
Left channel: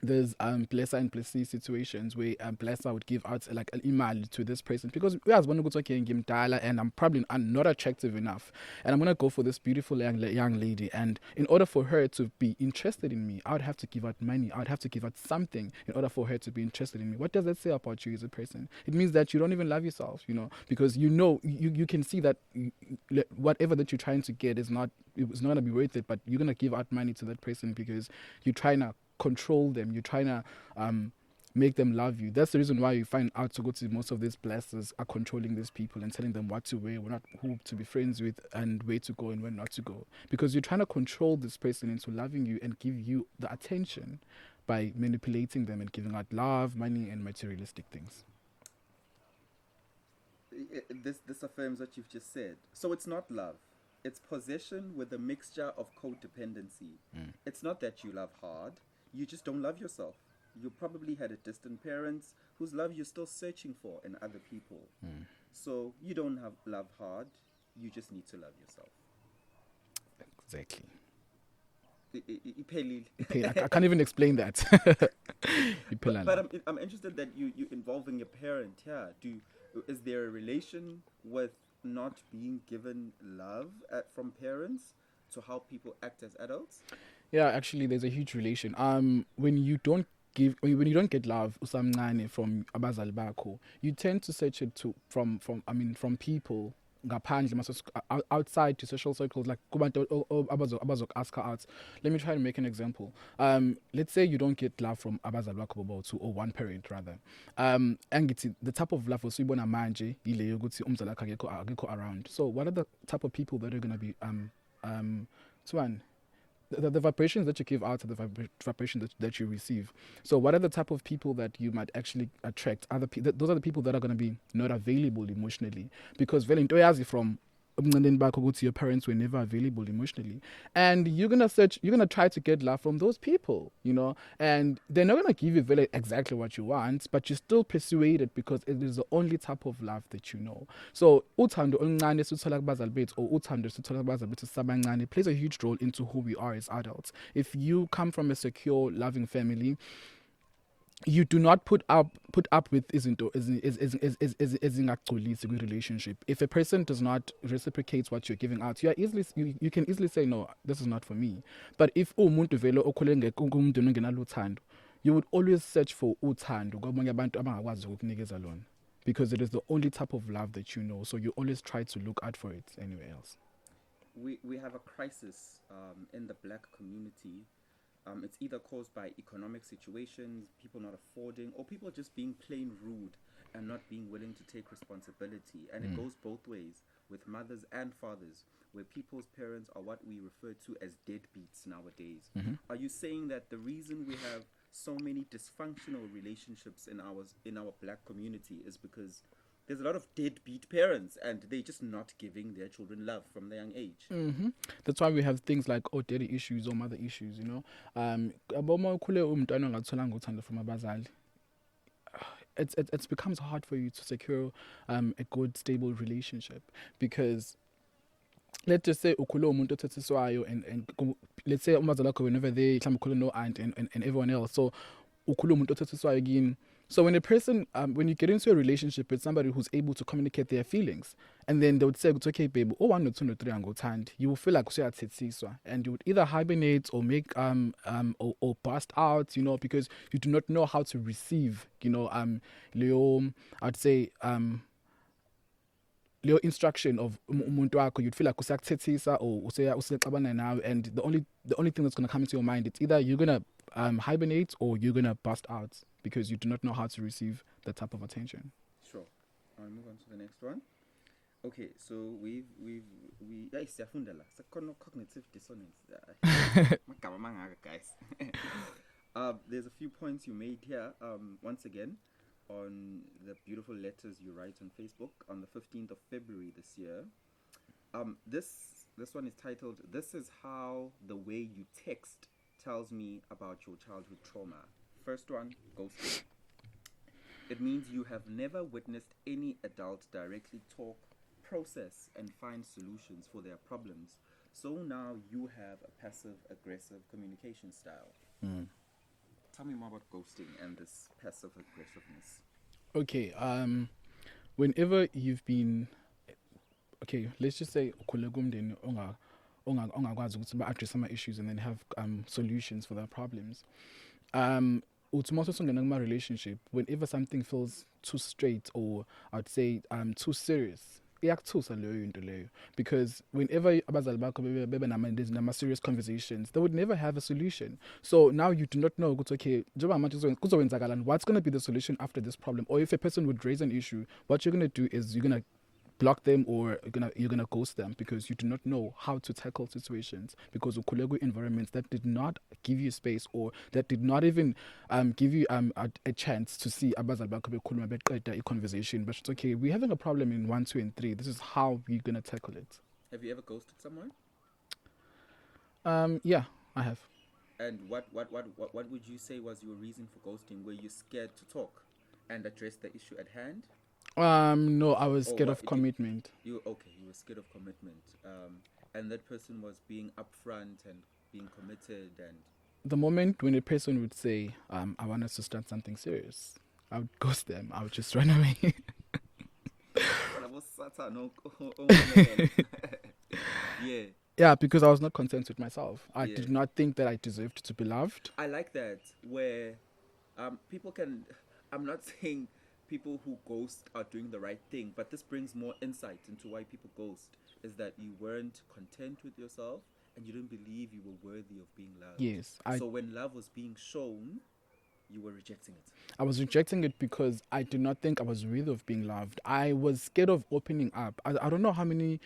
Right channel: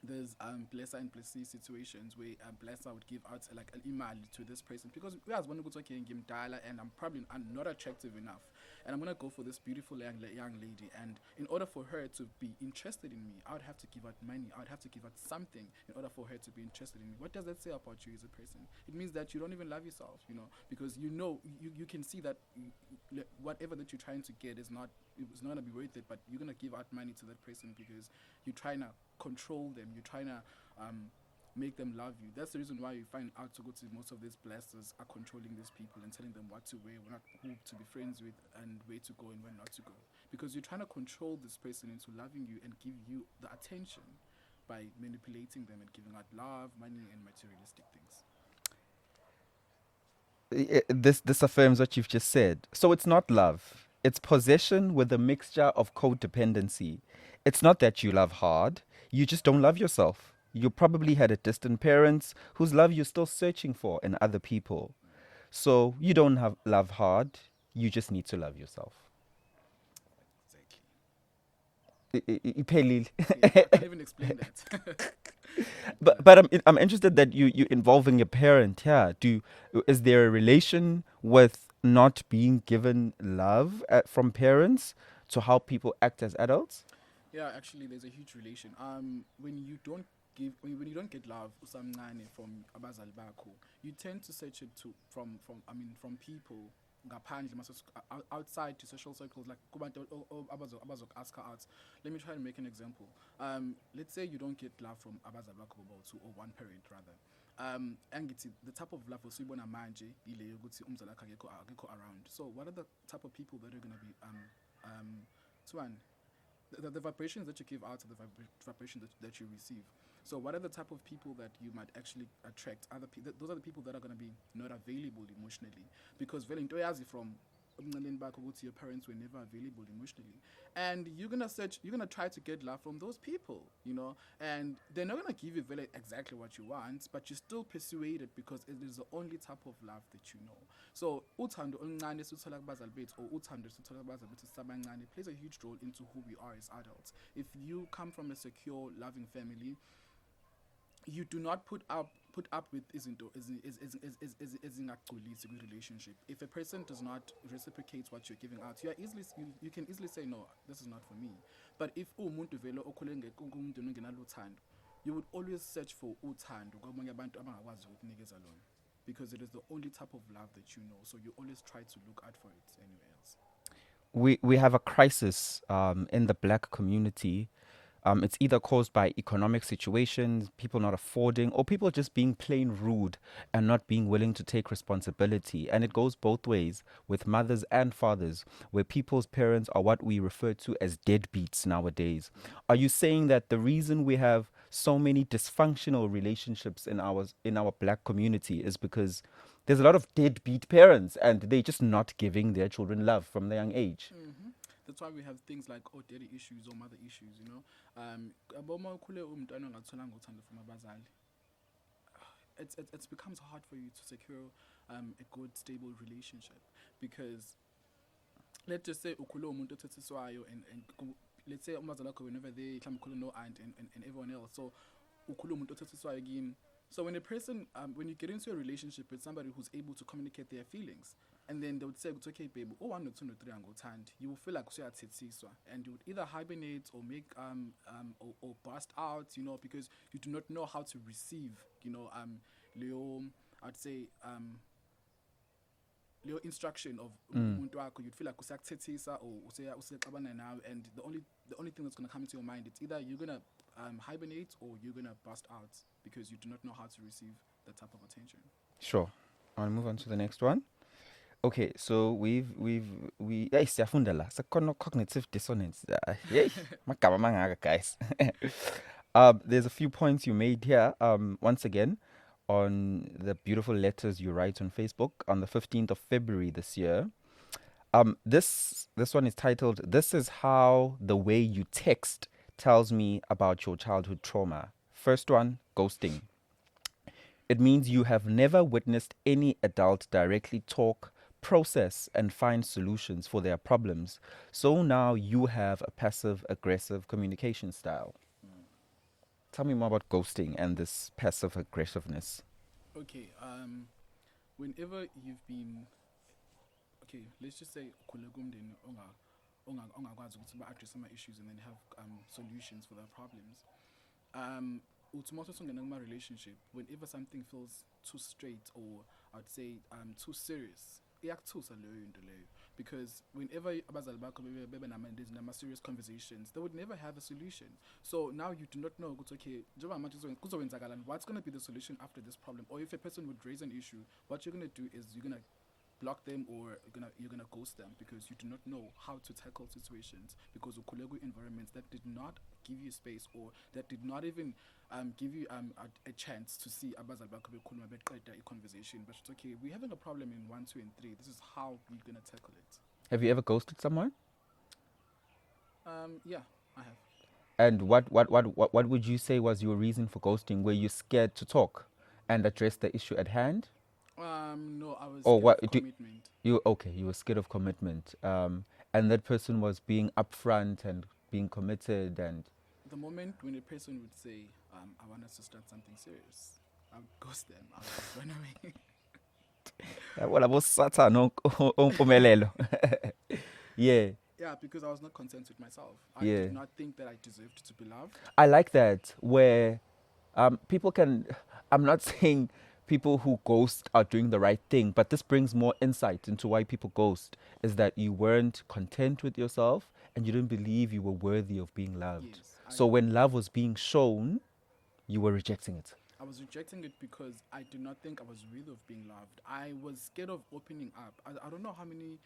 there's blesser and blessee situations where blesser would give out like an email to this person because we as one okay and give dialer and I'm probably not attractive enough and I'm gonna go for this beautiful young lady, and in order for her to be interested in me, I would have to give out money, I would have to give out something in order for her to be interested in me. What does that say about you as a person? It means that you don't even love yourself, you know, because you know you can see that whatever that you're trying to get it's not gonna be worth it, but you're gonna give out money to that person because you're trying to control them, you're trying to make them love you. That's the reason why you find out to go to most of these blasters are controlling these people and telling them what to wear, who to be friends with, and where to go and where not to go, because you're trying to control this person into loving you and give you the attention by manipulating them and giving out love, money, and materialistic things. This affirms what you've just said. So it's not love. It's possession with a mixture of codependency. It's not that you love hard. You just don't love yourself. You probably had a distant parents whose love you're still searching for in other people. So you don't have love hard. You just need to love yourself. Exactly. I can't even explain that. but I'm interested that you're involving your parent here. Is there a relation with not being given love from parents to how people act as adults? Yeah, actually, there's a huge relation. When you don't get love usamncane from abazali bakho, you tend to search it from people ngaphandle outside to social circles, like kubantu abazokuaska out. Let me try to make an example. Let's say you don't get love from abazali bakho bobo or one parent rather. And the type of love osuyibona manje ile yokuthi umzali wakho akekho around. So what are the type of people that are going to be the vibrations that you give out are the vibrations that you receive. So what are the type of people that you might actually attract? Those are the people that are going to be not available emotionally, because vele into yazi from your parents were never available emotionally, and you're gonna try to get love from those people, you know, and they're not gonna give you very exactly what you want, but you're still persuaded because it is the only type of love that you know. So uthando oluncane esithola kubazali bethu or uthando esithola kubazali bethu sabancane plays a huge role into who we are as adults. If you come from a secure, loving family, you do not put up with ezingagcolisi relationship. If a person does not reciprocate what you're giving out, you can easily say no, this is not for me. But if umuntu vele okhule ngumuntu ongenalo uthando, you would always search for uthando kwabanye abantu abangakwazi ukukunikeza lona, because it is the only type of love that you know. So you always try to look out for it anywhere else. We have a crisis in the black community. It's either caused by economic situations, people not affording, or people just being plain rude and not being willing to take responsibility. And it goes both ways with mothers and fathers, where people's parents are what we refer to as deadbeats nowadays. Are you saying that the reason we have so many dysfunctional relationships in our black community is because there's a lot of deadbeat parents and they're just not giving their children love from the young age? That's why we have things like daddy issues or mother issues, you know. It becomes hard for you to secure a good, stable relationship, because let's just say and let's say whenever they no aunt and everyone else, so again. So when a person, when you get into a relationship with somebody who's able to communicate their feelings, and then they would say, it's okay, baby, oh, 1 or 2 or 3 and go hand, you will feel like and you would either hibernate or make or burst out, you know, because you do not know how to receive, you know, Leo, I'd say Leo instruction of umuntu wakho. You'd feel like usakthethisa or usexabana now, and the only thing that's gonna come into your mind, it's either you're gonna hibernate or you're gonna burst out, because you do not know how to receive that type of attention. Sure. I'll move on to the next one. Okay, so we yeah, siyafunda la cognitive dissonance. Magama mangaka, guys. There's a few points you made here. Once again, on the beautiful letters you write on Facebook on the 15th of February this year. This one is titled "This is how the way you text tells me about your childhood trauma." First one, ghosting. It means you have never witnessed any adult directly talk, process, and find solutions for their problems. So now you have a passive aggressive communication style. Tell me more about ghosting and this passive aggressiveness. Okay, whenever you've been, okay, let's just say ongakwazi ukuthi ba-address ama-issues and then have solutions for their problems. Uthi mase usungena kuma-relationship, whenever something feels too straight or I'd say too serious, iyakuthusa leyo into leyo, because whenever abazali bakho bebe nama-serious conversations, they would never have a solution. So now you do not know ukuthi okay, njengoba manje kuzowenzakalani, what's going to be the solution after this problem? Or if a person would raise an issue, what you're going to do is you're going to block them or you're gonna ghost them, because you do not know how to tackle situations, because ukhulele environments that did not give you space or that did not even give you a chance to see abazali bakho bekhuluma beqeda conversation. But it's okay, we're having a problem in 1, 2, and 3. This is how we're gonna tackle it. Have you ever ghosted someone? Yeah, I have. And what would you say was your reason for ghosting? Were you scared to talk and address the issue at hand? No, I was scared of commitment. You were scared of commitment. And that person was being upfront and being committed. And the moment when a person would say, I want us to start something serious, I would ghost them. I would just run away. Well, I was Satan on Mpumelelo. Yeah. Yeah, because I was not content with myself. I did not think that I deserved to be loved. I like that, where people can, I'm not saying people who ghost are doing the right thing, but this brings more insight into why people ghost, is that you weren't content with yourself and you didn't believe you were worthy of being loved. Yes. So when love was being shown, you were rejecting it. I was rejecting it because I did not think I was worthy of being loved. I was scared of opening up. I don't know how many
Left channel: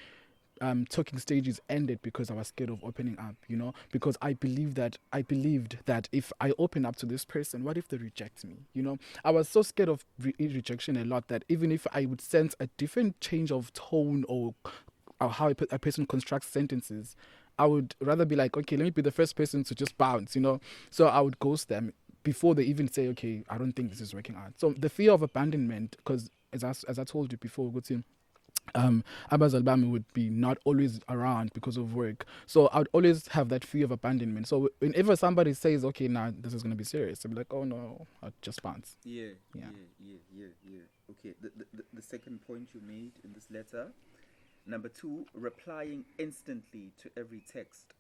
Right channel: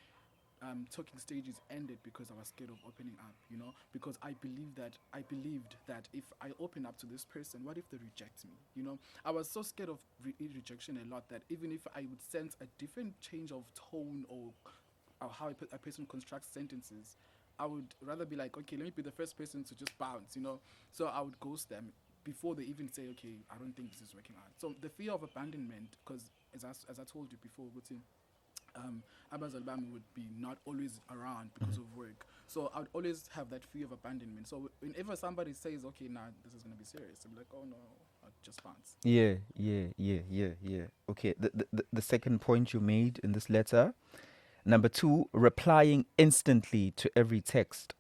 talking stages ended because I was scared of opening up, you know, because I believed that if I open up to this person, what if they reject me? You know, I was so scared of rejection a lot that even if I would sense a different change of tone or how a person constructs sentences, I would rather be like, okay, let me be the first person to just bounce, you know. So I would ghost them before they even say, okay, I don't think this is working out. So the fear of abandonment, because as I told you before, abazali bami would be not always around because of work, so I would always have that fear of abandonment. So whenever somebody says, okay, now this is going to be serious, I'll be like, oh no, I'll just bounce. Yeah. Okay, the second point you made in this letter, number 2, replying instantly to every text.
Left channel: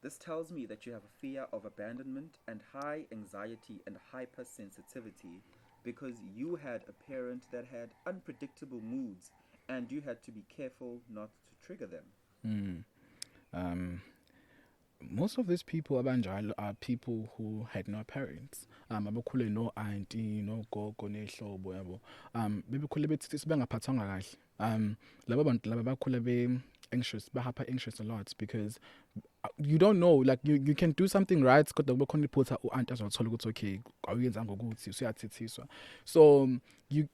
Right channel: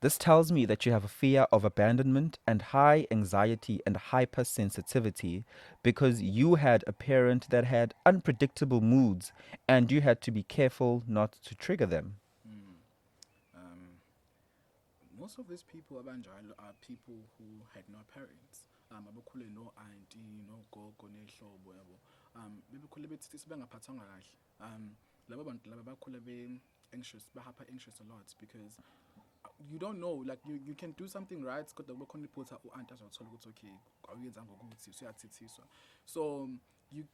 This tells me that you have a fear of abandonment and high anxiety and hypersensitivity because you had a parent that had unpredictable moods and you had to be careful not to trigger them. Most of these people abanjalo are people who had no parents. Abakhule no auntie, no gogo, nehlobo yabo. Bebekhule bethi sibengaphathwanga kahle. Laba bantu laba bakhule be anxious, bahapa anxious a lot because you don't know, like you can do something right, kodwa kubekhona iphutha u-aunt azothola ukuthi okay, awuyenzanga ukuthi usuyathethiswa. So you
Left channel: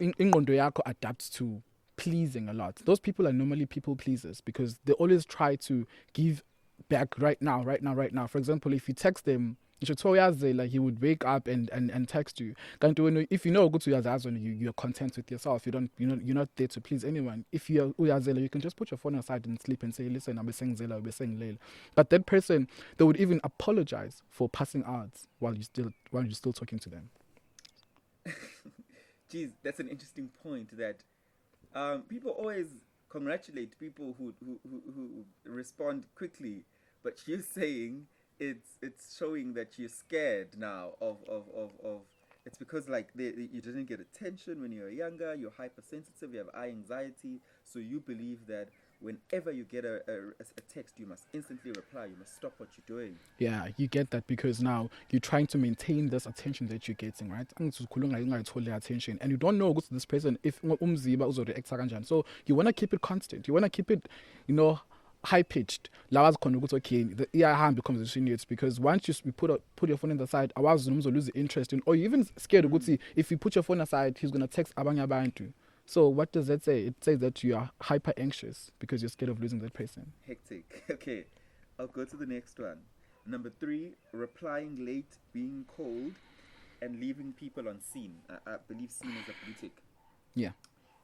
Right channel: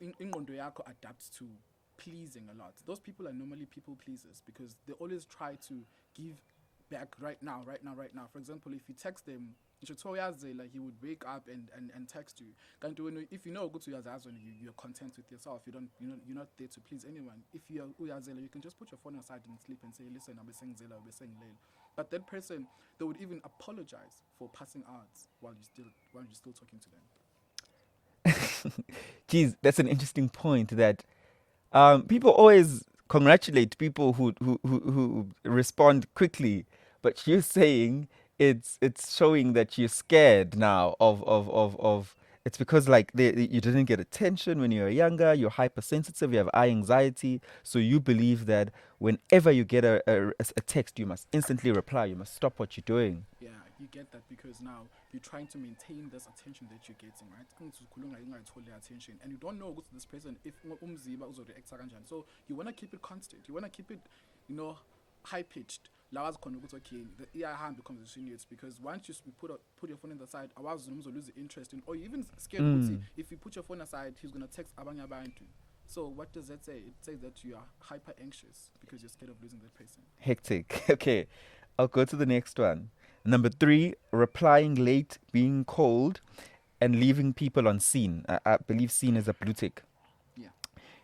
ingqondo yakho adapts to pleasing a lot. Those people are normally people pleasers because they always try to give back right now. For example, if you text them, like he would wake up and text you. If you know good to you're content with yourself. You're not there to please anyone. If you're you can just put your phone aside and sleep and say, listen, I'll be saying Zela, I'll be saying Leil. But that person, they would even apologize for passing ads while you're still talking to them. Geez, that's an interesting point that people always congratulate people who respond quickly, but you're saying it's showing that you're scared now of it's because like you didn't get attention when you were younger, you're hypersensitive, you have high anxiety, so you believe that whenever you get a text, you must instantly reply. You must stop what you're doing. Yeah, you get that because now you're trying to maintain this attention that you're getting, right? Attention, and you don't know what's this person if so you want to keep it constant. You want to keep it, high pitched. Okay, the ear hand becomes insinuates because once you put your phone in the side, I was lose the interest in, or you're even scared if you put your phone aside, he's gonna text abanya bantu. So what does that say? It says that you are hyper anxious because you're scared of losing that person. Hectic. Okay, I'll go to the next one. Number 3, replying late, being cold, and leaving people on scene. I believe scene is a blue tick. Yeah.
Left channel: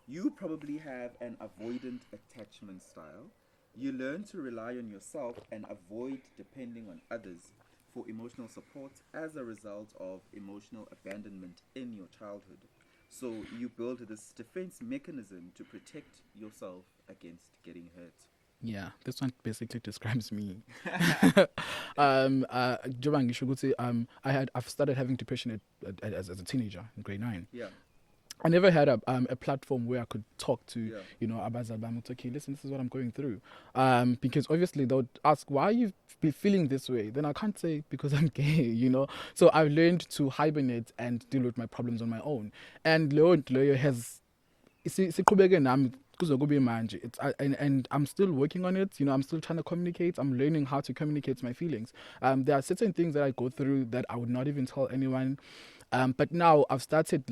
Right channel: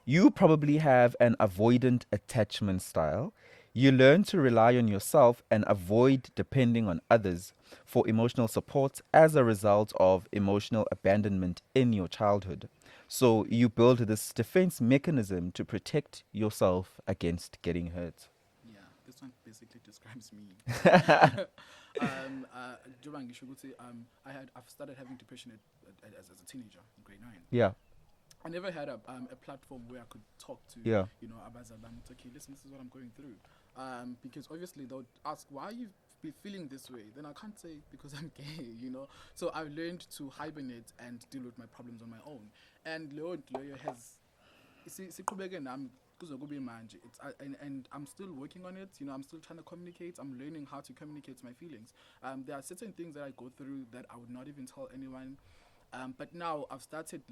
You probably have an avoidant attachment style. You learn to rely on yourself and avoid depending on others for emotional support as a result of emotional abandonment in your childhood. So you build this defense mechanism to protect yourself against getting hurt. Yeah, this one basically describes me. I've started having depression as a teenager in grade 9. Yeah. I never had a platform where I could talk to, Yeah. Abazabam, okay, listen, this is what I'm going through. Because obviously they would ask, why are you feeling this way? Then I can't say because I'm gay, So I've learned to hibernate and deal with my problems on my own. And Leo has, and I'm still working on it. I'm still trying to communicate. I'm learning how to communicate my feelings. There are certain things that I go through that I would not even tell anyone. But now I've started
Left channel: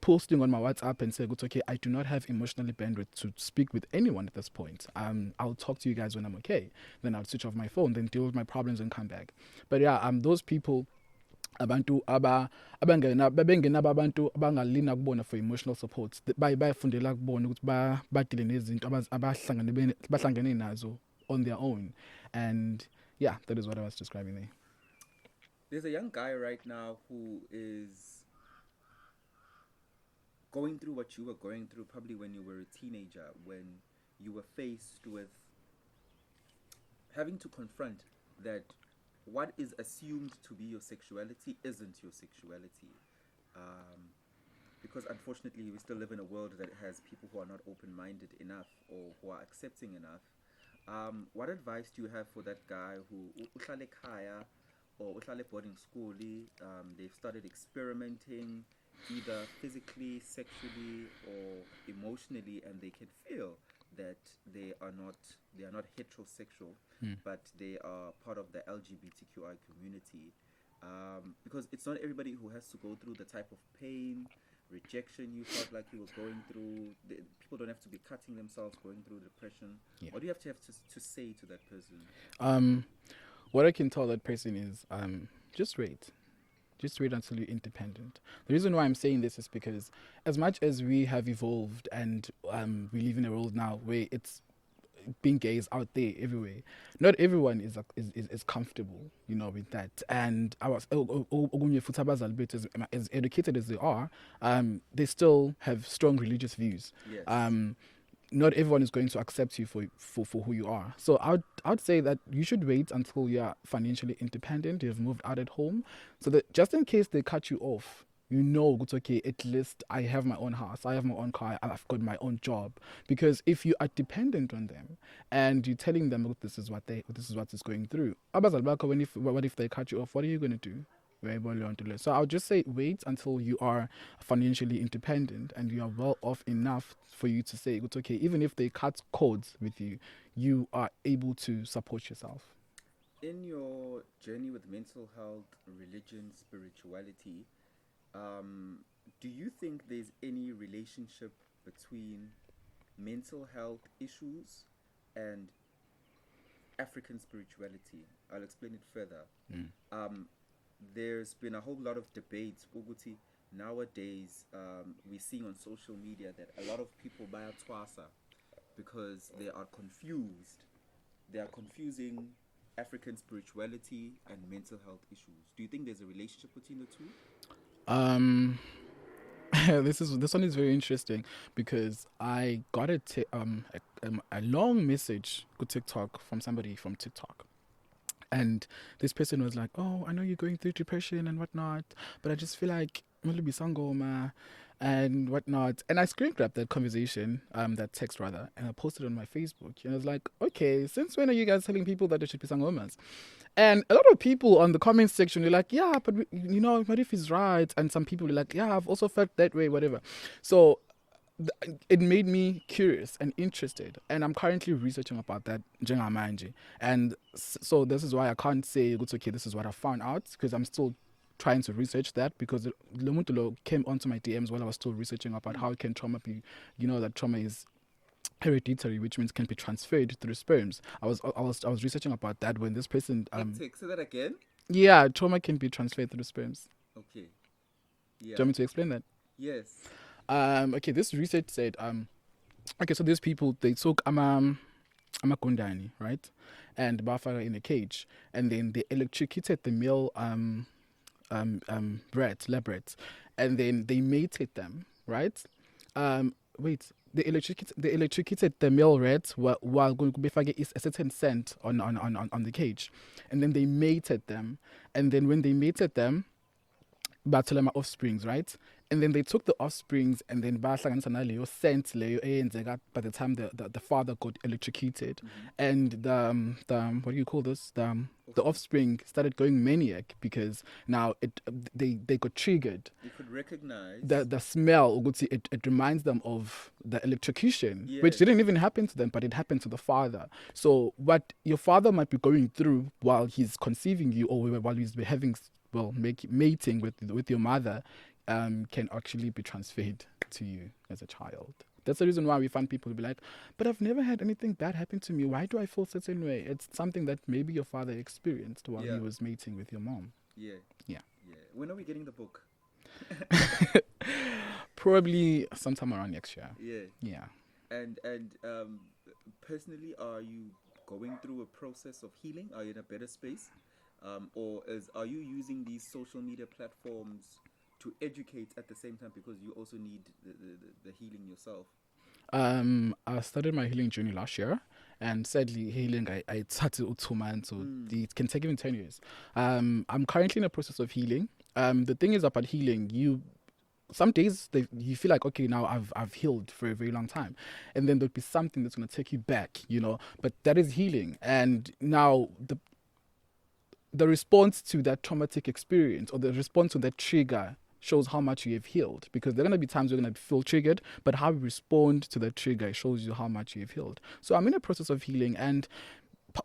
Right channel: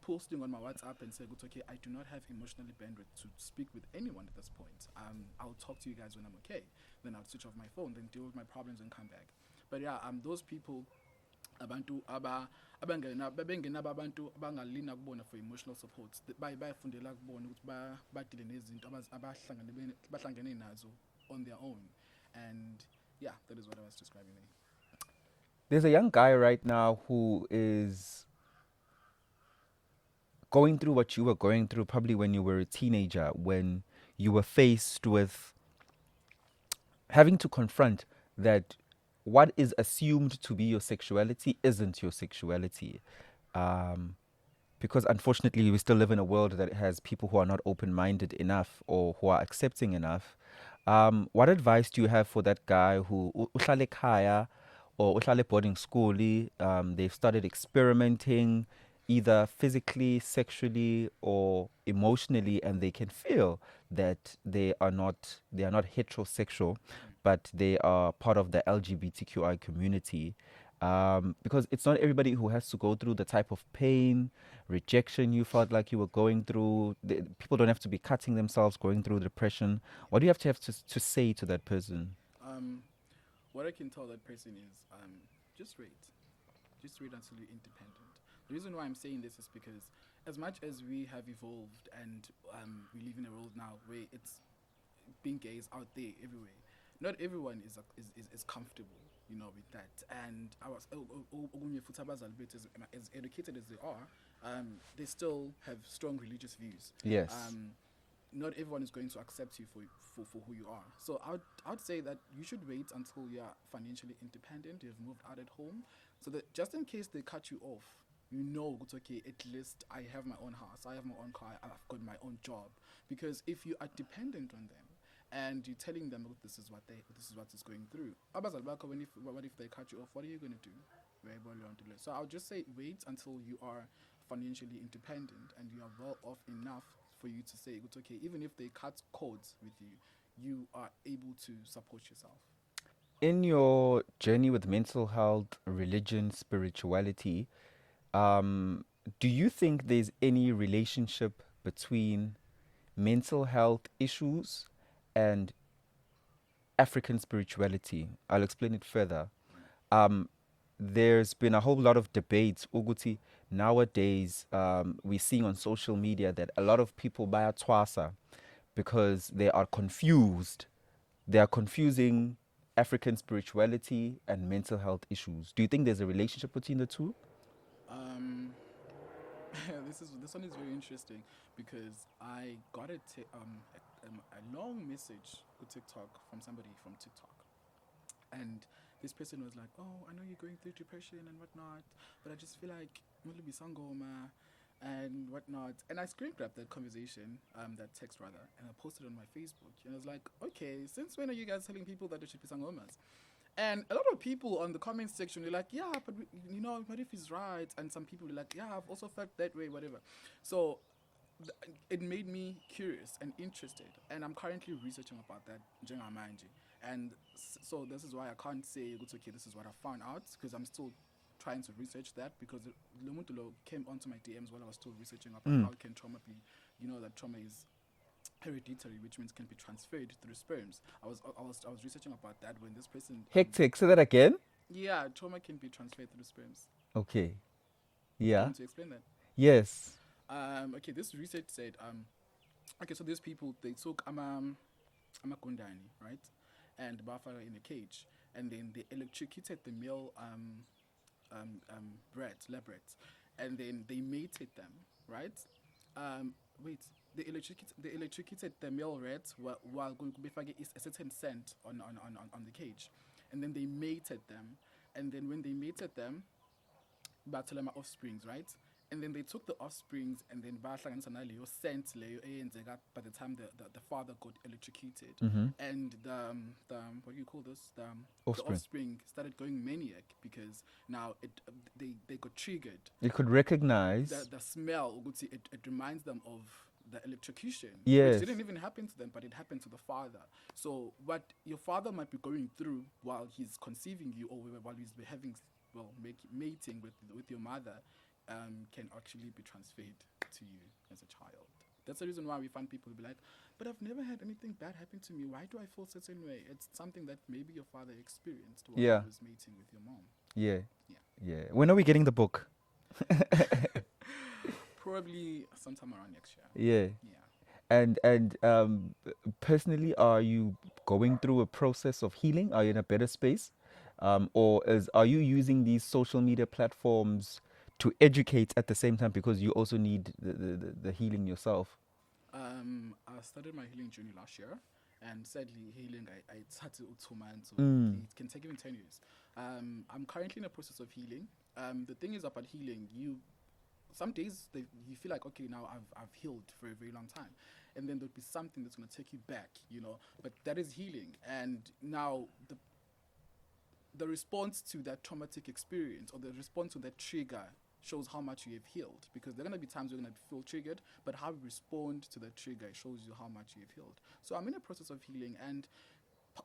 posting on my WhatsApp and say, okay, I do not have emotionally bandwidth to speak with anyone at this point. I'll talk to you guys when I'm okay. Then I'll switch off my phone, then deal with my problems and come back. But yeah, those people, abantu abantu abangalina kubona for emotional support, bayifundela kubona ukuthi badile nezinto abahlangene nazo on their own. And yeah, that is what I was describing there. There's a young guy right now who is going through what you were going through probably when you were a teenager, when you were faced with having to confront that what is assumed to be your sexuality isn't your sexuality. Because unfortunately we still live in a world that has people who are not open-minded enough or who are accepting enough. What advice do you have for that guy who uhlale ekhaya or uhlale boarding school, they've started experimenting either physically, sexually, or emotionally, and they can feel that they are not heterosexual, but they are part of the LGBTQI community. Because it's not everybody who has to go through the type of pain, rejection you felt like you were going through. People don't have to be cutting themselves, going through depression. Yeah. What do you have to say to that person? What I can tell that person is just wait. Just wait until you're independent. The reason why I'm saying this is because as much as we have evolved and we live in a world now where it's being gay is out there everywhere, not everyone is comfortable, with that. And as educated as they are, they still have strong religious views. Yes. Not everyone is going to accept you for who you are. So I'd say that you should wait until you're financially independent, you've moved out at home, so that just in case they cut you off, it's okay, at least I have my own house, I have my own car, I've got my own job. Because if you are dependent on them and you're telling them, this is what is going through, what if they cut you off? What are you going to do? So I'll just say wait until you are financially independent and you are well off enough for you to say it's okay. Even if they cut cords with you, you are able to support yourself. In your journey with mental health, religion, spirituality, do you think there's any relationship between mental health issues and African spirituality? I'll explain it further. There's been a whole lot of debates. Uguti, nowadays, we're seeing on social media that a lot of people buy a twasa because they are confused. They are confusing African spirituality and mental health issues. Do you think there's a relationship between the two? This one is very interesting because I got a long message to TikTok from somebody from TikTok. And this person was like, oh, I know you're going through depression and whatnot, but I just feel like Sangoma, and whatnot. And I screen grabbed that conversation, that text rather, and I posted it on my Facebook. And I was like, okay, since when are you guys telling people that they should be sangomas? And a lot of people on the comment section were like, yeah, but Marif is right. And some people were like, yeah, I've also felt that way, whatever. So it made me curious and interested, and I'm currently researching about that njengamanje. And so this is why I can't say it's okay, this is what I found out, because I'm still trying to research that, because Lomutulo came onto my DMs while I was still researching about how can trauma be, that trauma is hereditary, which means can be transferred through sperms. I was researching about that when this person hectic. Say that again. Yeah, trauma can be transferred through sperms. Okay. Yeah. Do you Yeah. want me to explain that? Yes. Okay, this research said, okay, so these people, they took Gundani, right? And Bafara in a cage. And then they electrocuted the male lab rats. And then they mated them, right? They electrocuted the male rats while going to be a certain scent on the cage. And then they mated them. And then when they mated them, bathelema offsprings, right? And then they took the offsprings and then sent by the time the father got electrocuted, and the what do you call this, the offspring started going maniac, because now they got triggered. You could recognize the smell. It reminds them of the electrocution, Yes. which didn't even happen to them, but it happened to the father. So what your father might be going through while he's conceiving you, or while he's having mating with your mother, can actually be transferred to you as a child. That's the reason why we find people who be like, but I've never had anything bad happen to me. Why do I feel a certain way? It's something that maybe your father experienced while he was mating with your mom. Yeah. Yeah. When are we getting the book? Probably sometime around next year. Yeah. And personally, are you going through a process of healing? Are you in a better space? Or are you using these social media platforms to educate at the same time, because you also need the healing yourself? I started my healing journey last year, and sadly, healing I started 2 months, so it can take even 10 years. I'm currently in a process of healing. The thing is about healing, some days you feel like, okay, now I've healed for a very long time, and then there'll be something that's going to take you back, but that is healing. And now the response to that traumatic experience, or the response to that trigger, shows how much you have healed, because there are going to be times you're going to feel triggered, but how you respond to that trigger shows you how much you have healed. So I'm in a process of healing, and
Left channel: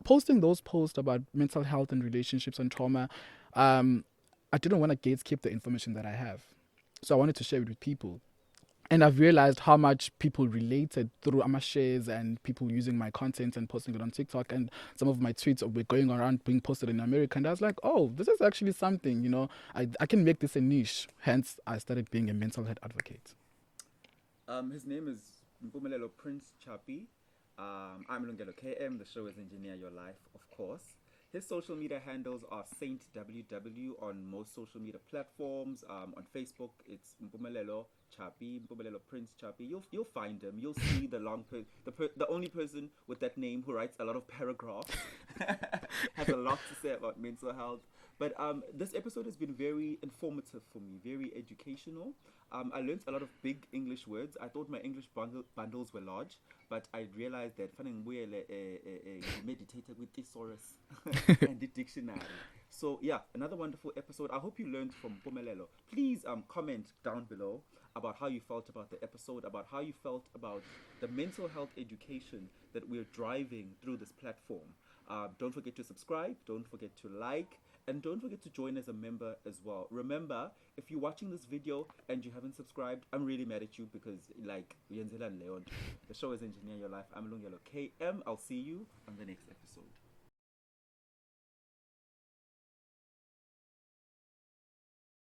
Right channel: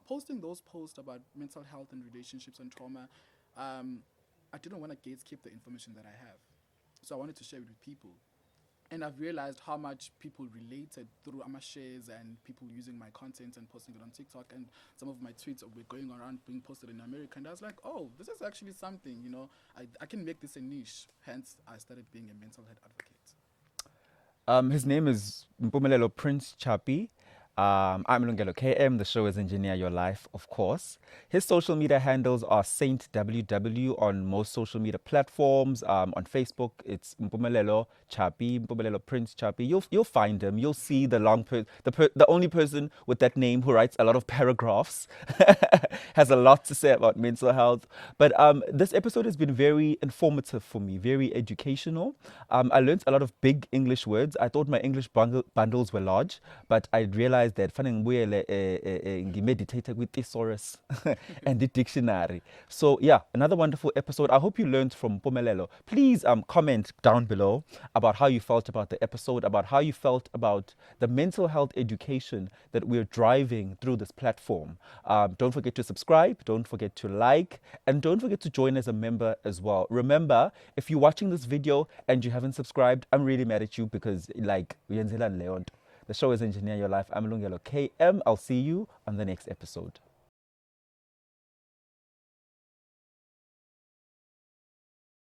posting those posts about mental health and relationships and trauma, I didn't want to gatekeep the information that I have, so I wanted to share it with people. And I've realized how much people related through my shares and people using my content and posting it on TikTok, and some of my tweets were going around being posted in America. And I was like, oh, this is actually something, I can make this a niche. Hence, I started being a mental health advocate. His name is Mpumelelo Prince CHAPI. I'm Lungelo KM. The show is Engineer Your Life, of course. His social media handles are Saint WW on most social media platforms. On Facebook, it's Mpumelelo CHAPI, Mpumelelo Prince CHAPI. You'll find him. You'll see the the only person with that name who writes a lot of paragraphs, has a lot to say about mental health. But this episode has been very informative for me, very educational. I learned a lot of big English words. I thought my English bundles were large, but I realized that I meditated with thesaurus and the dictionary. So yeah, another wonderful episode. I hope you learned from Mpumelelo. Please comment down below about how you felt about the episode, about how you felt about the mental health education that we're driving through this platform. Don't forget to subscribe, don't forget to like, and don't forget to join as a member as well. Remember, if you're watching this video and you haven't subscribed, I'm really mad at you, because the show is Engineer Your Life. I'm Lungelo KM. I'll see you on the next episode.